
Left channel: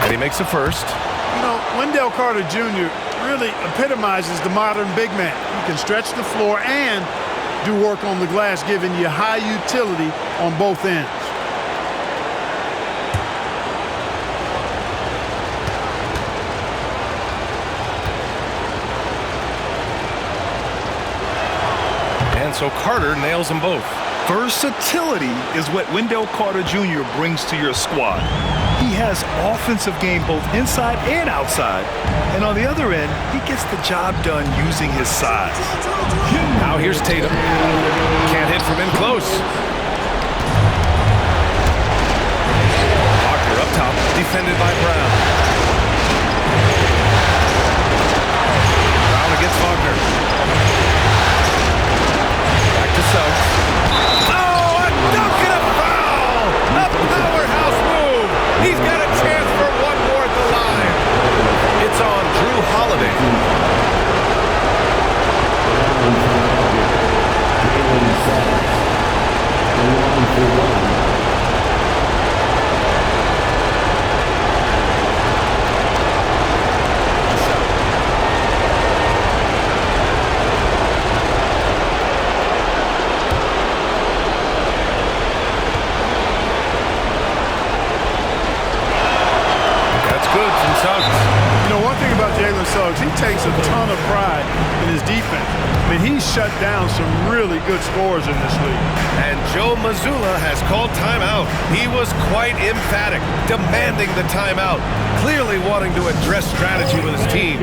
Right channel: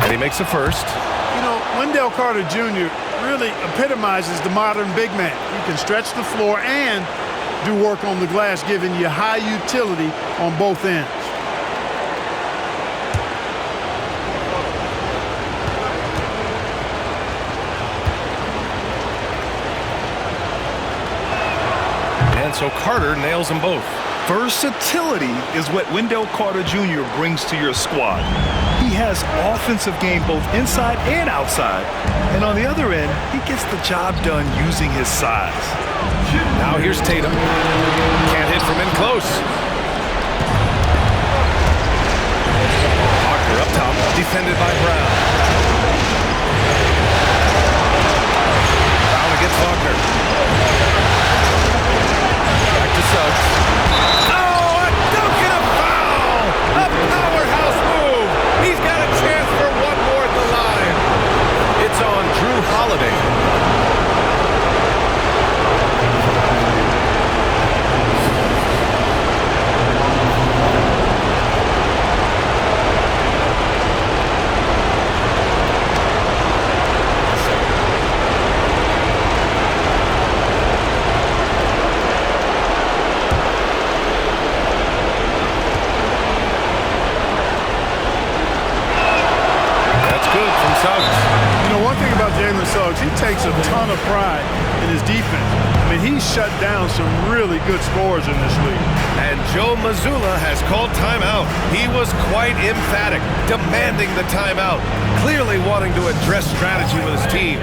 And he makes the first. You know, Wendell Carter Jr. really epitomizes the modern big man. He can stretch the floor and do work on the glass, giving you high utility on both ends. And so Carter nails them both. Versatility is what Wendell Carter Jr. brings to your squad. He has offensive game both inside and outside. And on the other end, he gets the job done using his size. Now here's Tatum. Can't hit from in close. Wagner up top, defended by Brown. Brown against Wagner. Back to Suggs. Oh, a dunk and a foul! A powerhouse move! He's got a chance for one more at the line. It's on Drew Holiday. Good from Suggs. You know, one thing about Jalen Suggs, he takes a ton of pride in his defense. I mean, he's shut down some really good scorers in this league. And Joe Mazzulla has called timeout. He was quite emphatic, demanding the timeout, clearly wanting to address strategy with his team.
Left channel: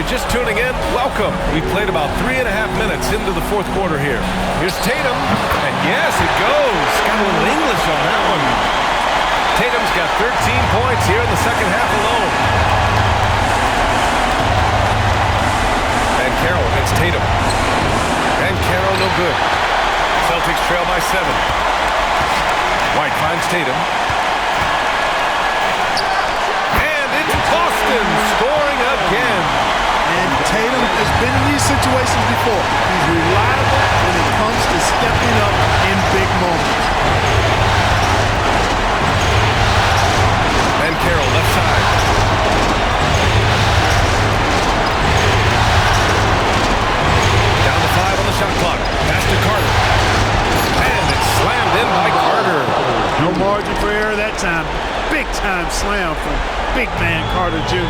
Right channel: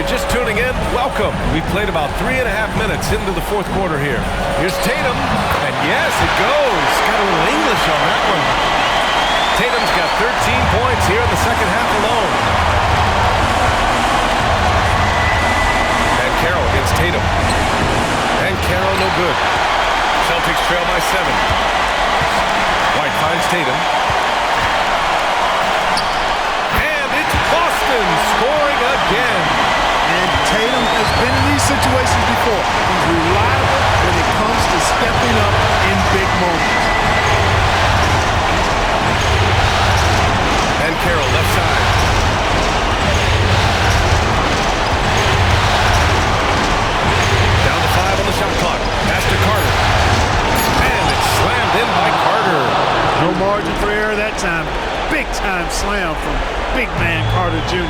you're just tuning in, welcome. We played about 3.5 minutes into the fourth quarter here. Here's Tatum, and yes, it goes. Got a little English on that one. Tatum's got 13 points here in the second half alone. And Carroll against Tatum. And Carroll no good. Celtics trail by 7. White finds Tatum. Boston scoring again. And Tatum has been in these situations before. He's reliable when it comes to stepping up in big moments. And Carroll left side. Down to 5 on the shot clock. Pass to Carter. And it's slammed in by Carter. No margin for error that time. Big time slam from big man Carter Jr.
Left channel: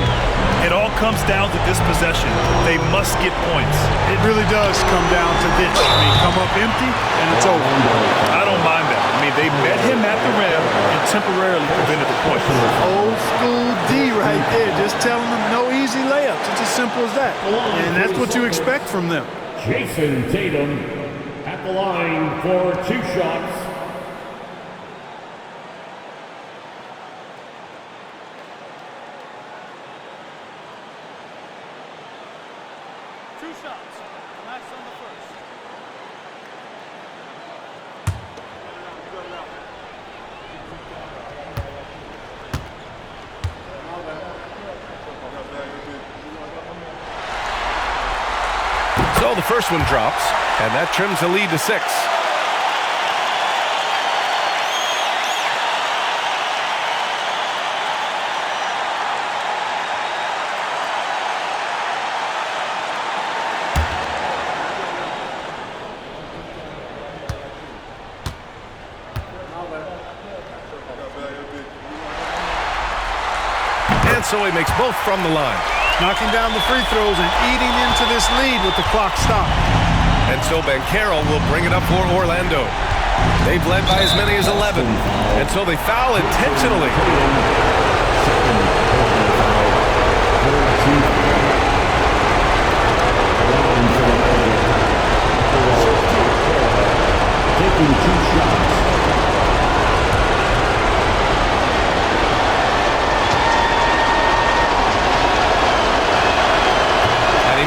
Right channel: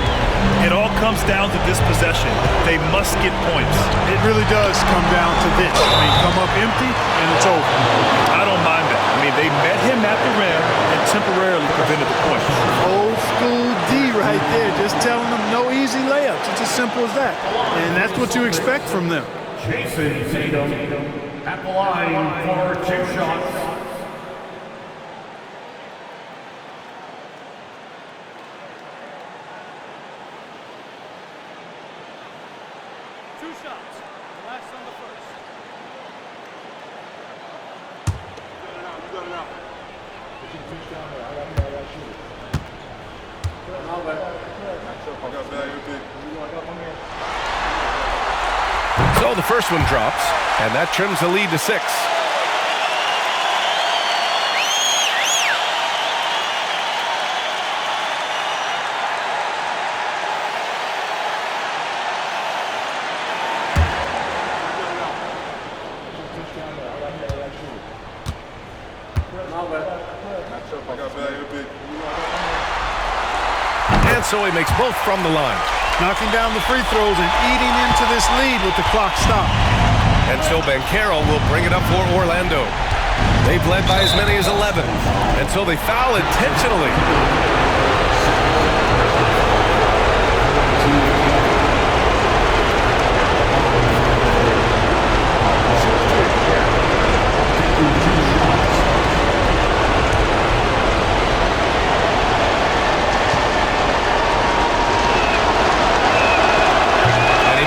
It all comes down to this possession. They must get points. It really does come down to this. I mean, come up empty and it's over. I don't mind that. I mean, they met him at the rim and temporarily prevented the points. Old school D right there, just telling them no easy layups. It's as simple as that. And that's what you expect from them. Jason Tatum at the line for 2 shots. So the first one drops, and that trims the lead to 6. And so he makes both from the line. Knocking down the free throws and eating into this lead with the clock stopped. And so Banchero will bring it up for Orlando. They've led by as many as 11. And so they foul intentionally.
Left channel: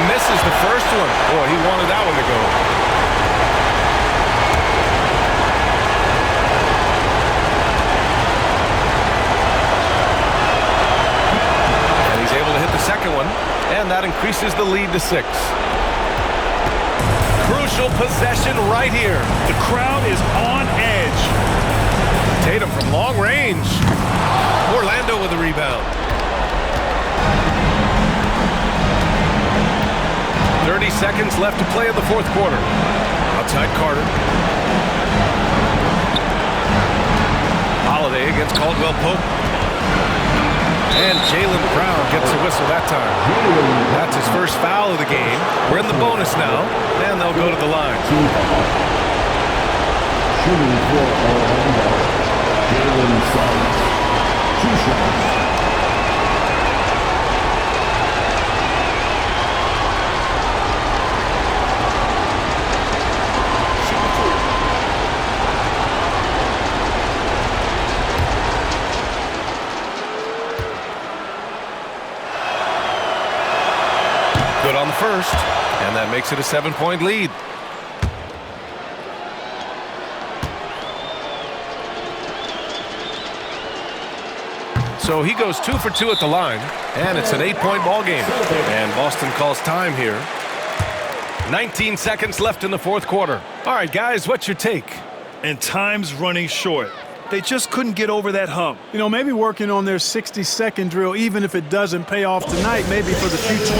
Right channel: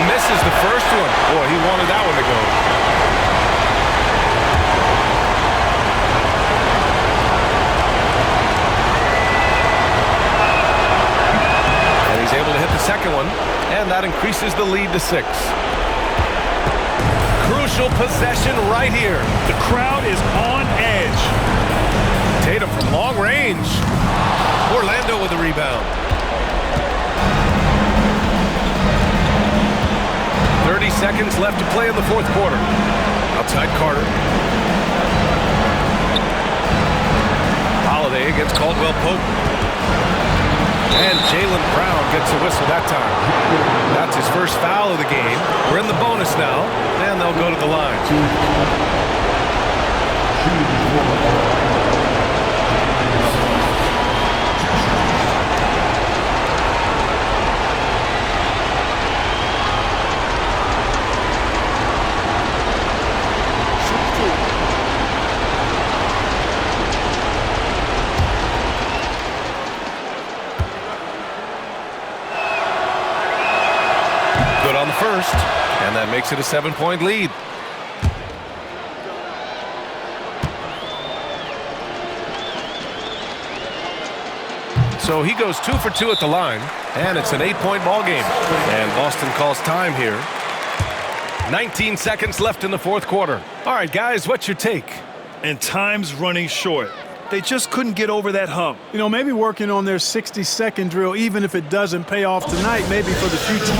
Misses the first one. Boy, he wanted that one to go. And he's able to hit the second one, and that increases the lead to 6. Crucial possession right here. The crowd is on edge. Tatum from long range. Orlando with the rebound. 30 seconds left to play in the fourth quarter. Outside Carter. Holiday against Caldwell Pope. And Jaylen Brown gets a whistle that time. That's his first foul of the game. We're in the bonus now, and they'll go to the line. Shooting for Orlando, Jalen Suggs. 2 shots. Good on the first, and that makes it a 7-point lead. So he goes 2 for 2 at the line, and it's an 8-point ball game. And Boston calls time here. 19 seconds left in the fourth quarter. All right, guys, what's your take? And time's running short. They just couldn't get over that hump. You know, maybe working on their 60-second drill, even if it doesn't pay off tonight, maybe for the future.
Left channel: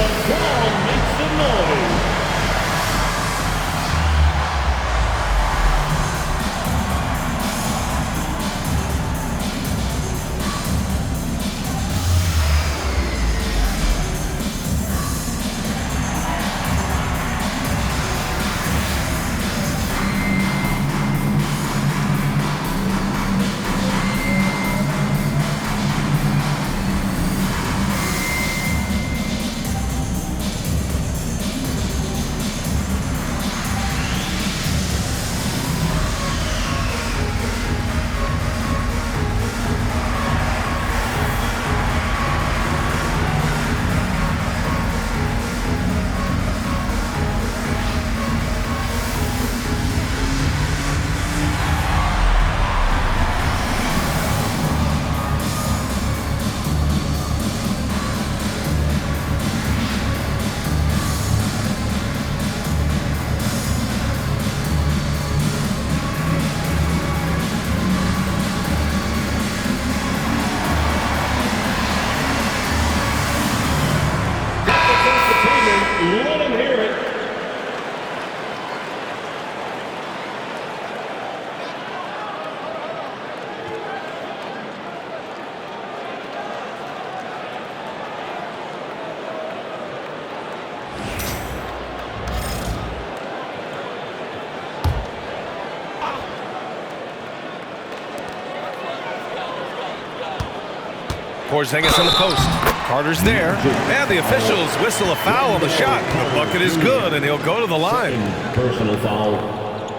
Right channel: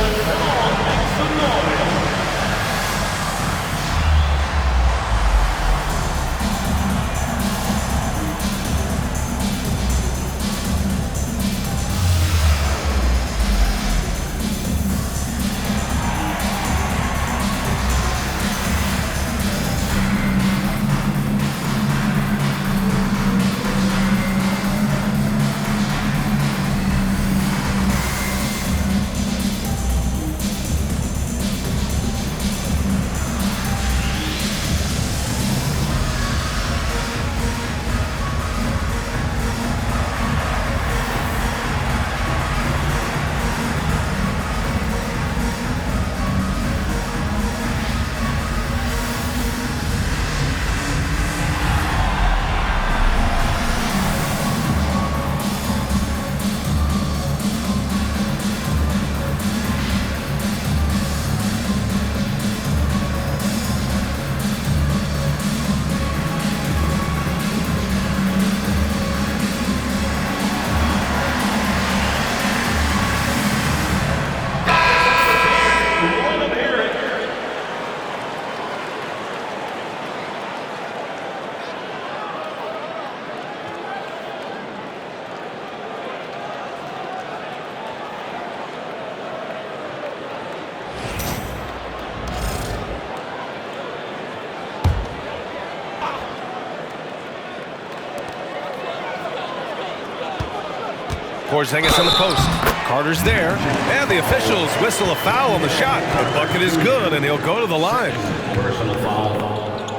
Porzingis in the post. Carter's there, and the officials whistle a foul on the shot. The bucket is good, and he'll go to the line. Personal foul.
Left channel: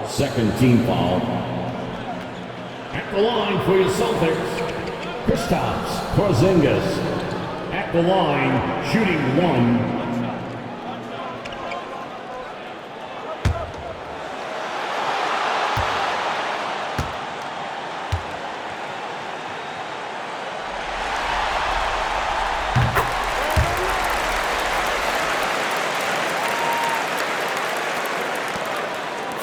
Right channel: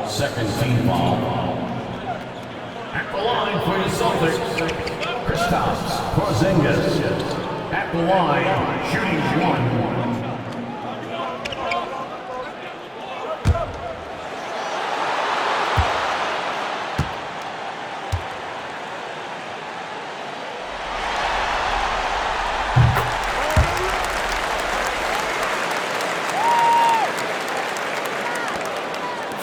Second team foul. At the line for your Celtics, Kristaps Porzingis. At the line, shooting one.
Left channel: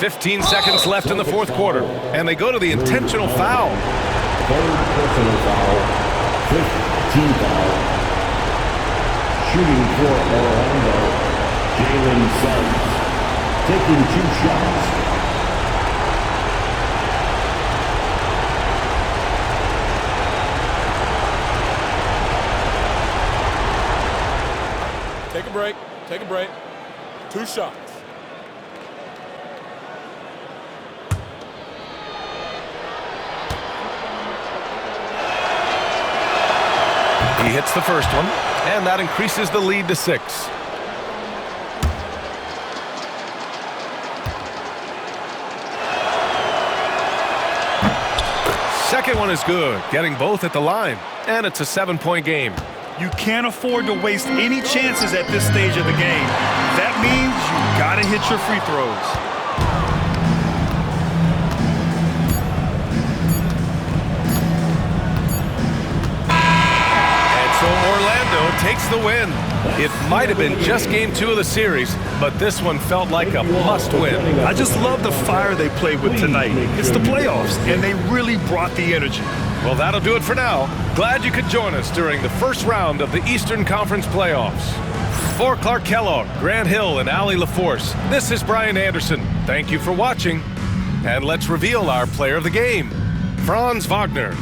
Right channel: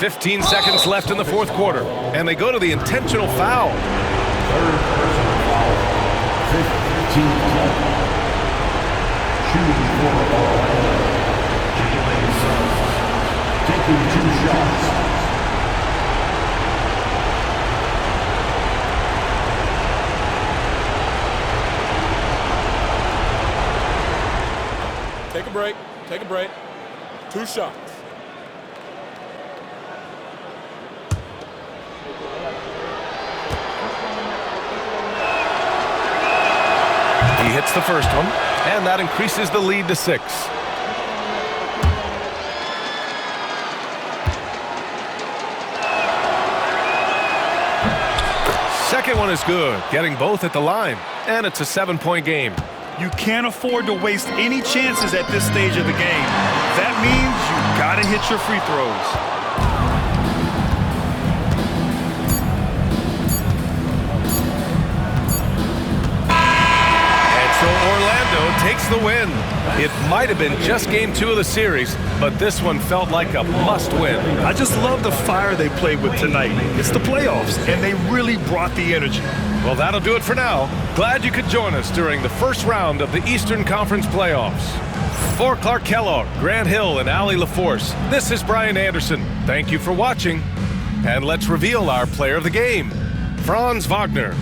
"15 seconds left in the fourth quarter, and they go to the intentional foul. Third personal foul. Fifth team foul. Shooting for Orlando, Jalen Suggs. Taking 2 shots. Take a break. Take a break. 2 shots. He hits the first one, and that increases the lead to 6. Second one is good, getting both at the line, and it's a 7-point game. You can't afford to waste any chances at this stage of the game. That means you gotta hit your free throws. So Orlando takes the win. It might have been just game 2 of the series, but this one felt like a must-win. I just love the fire they played with tonight. It's the playoffs, and they really brought the energy. Well, that'll do it for now. Glad you could join us during the first round of the Eastern Conference playoffs. For Clark Kellogg, Grant Hill, and Allie LaForce, this is Brian Anderson. Thank you for watching. And let's reveal our player of the game, Franz Wagner.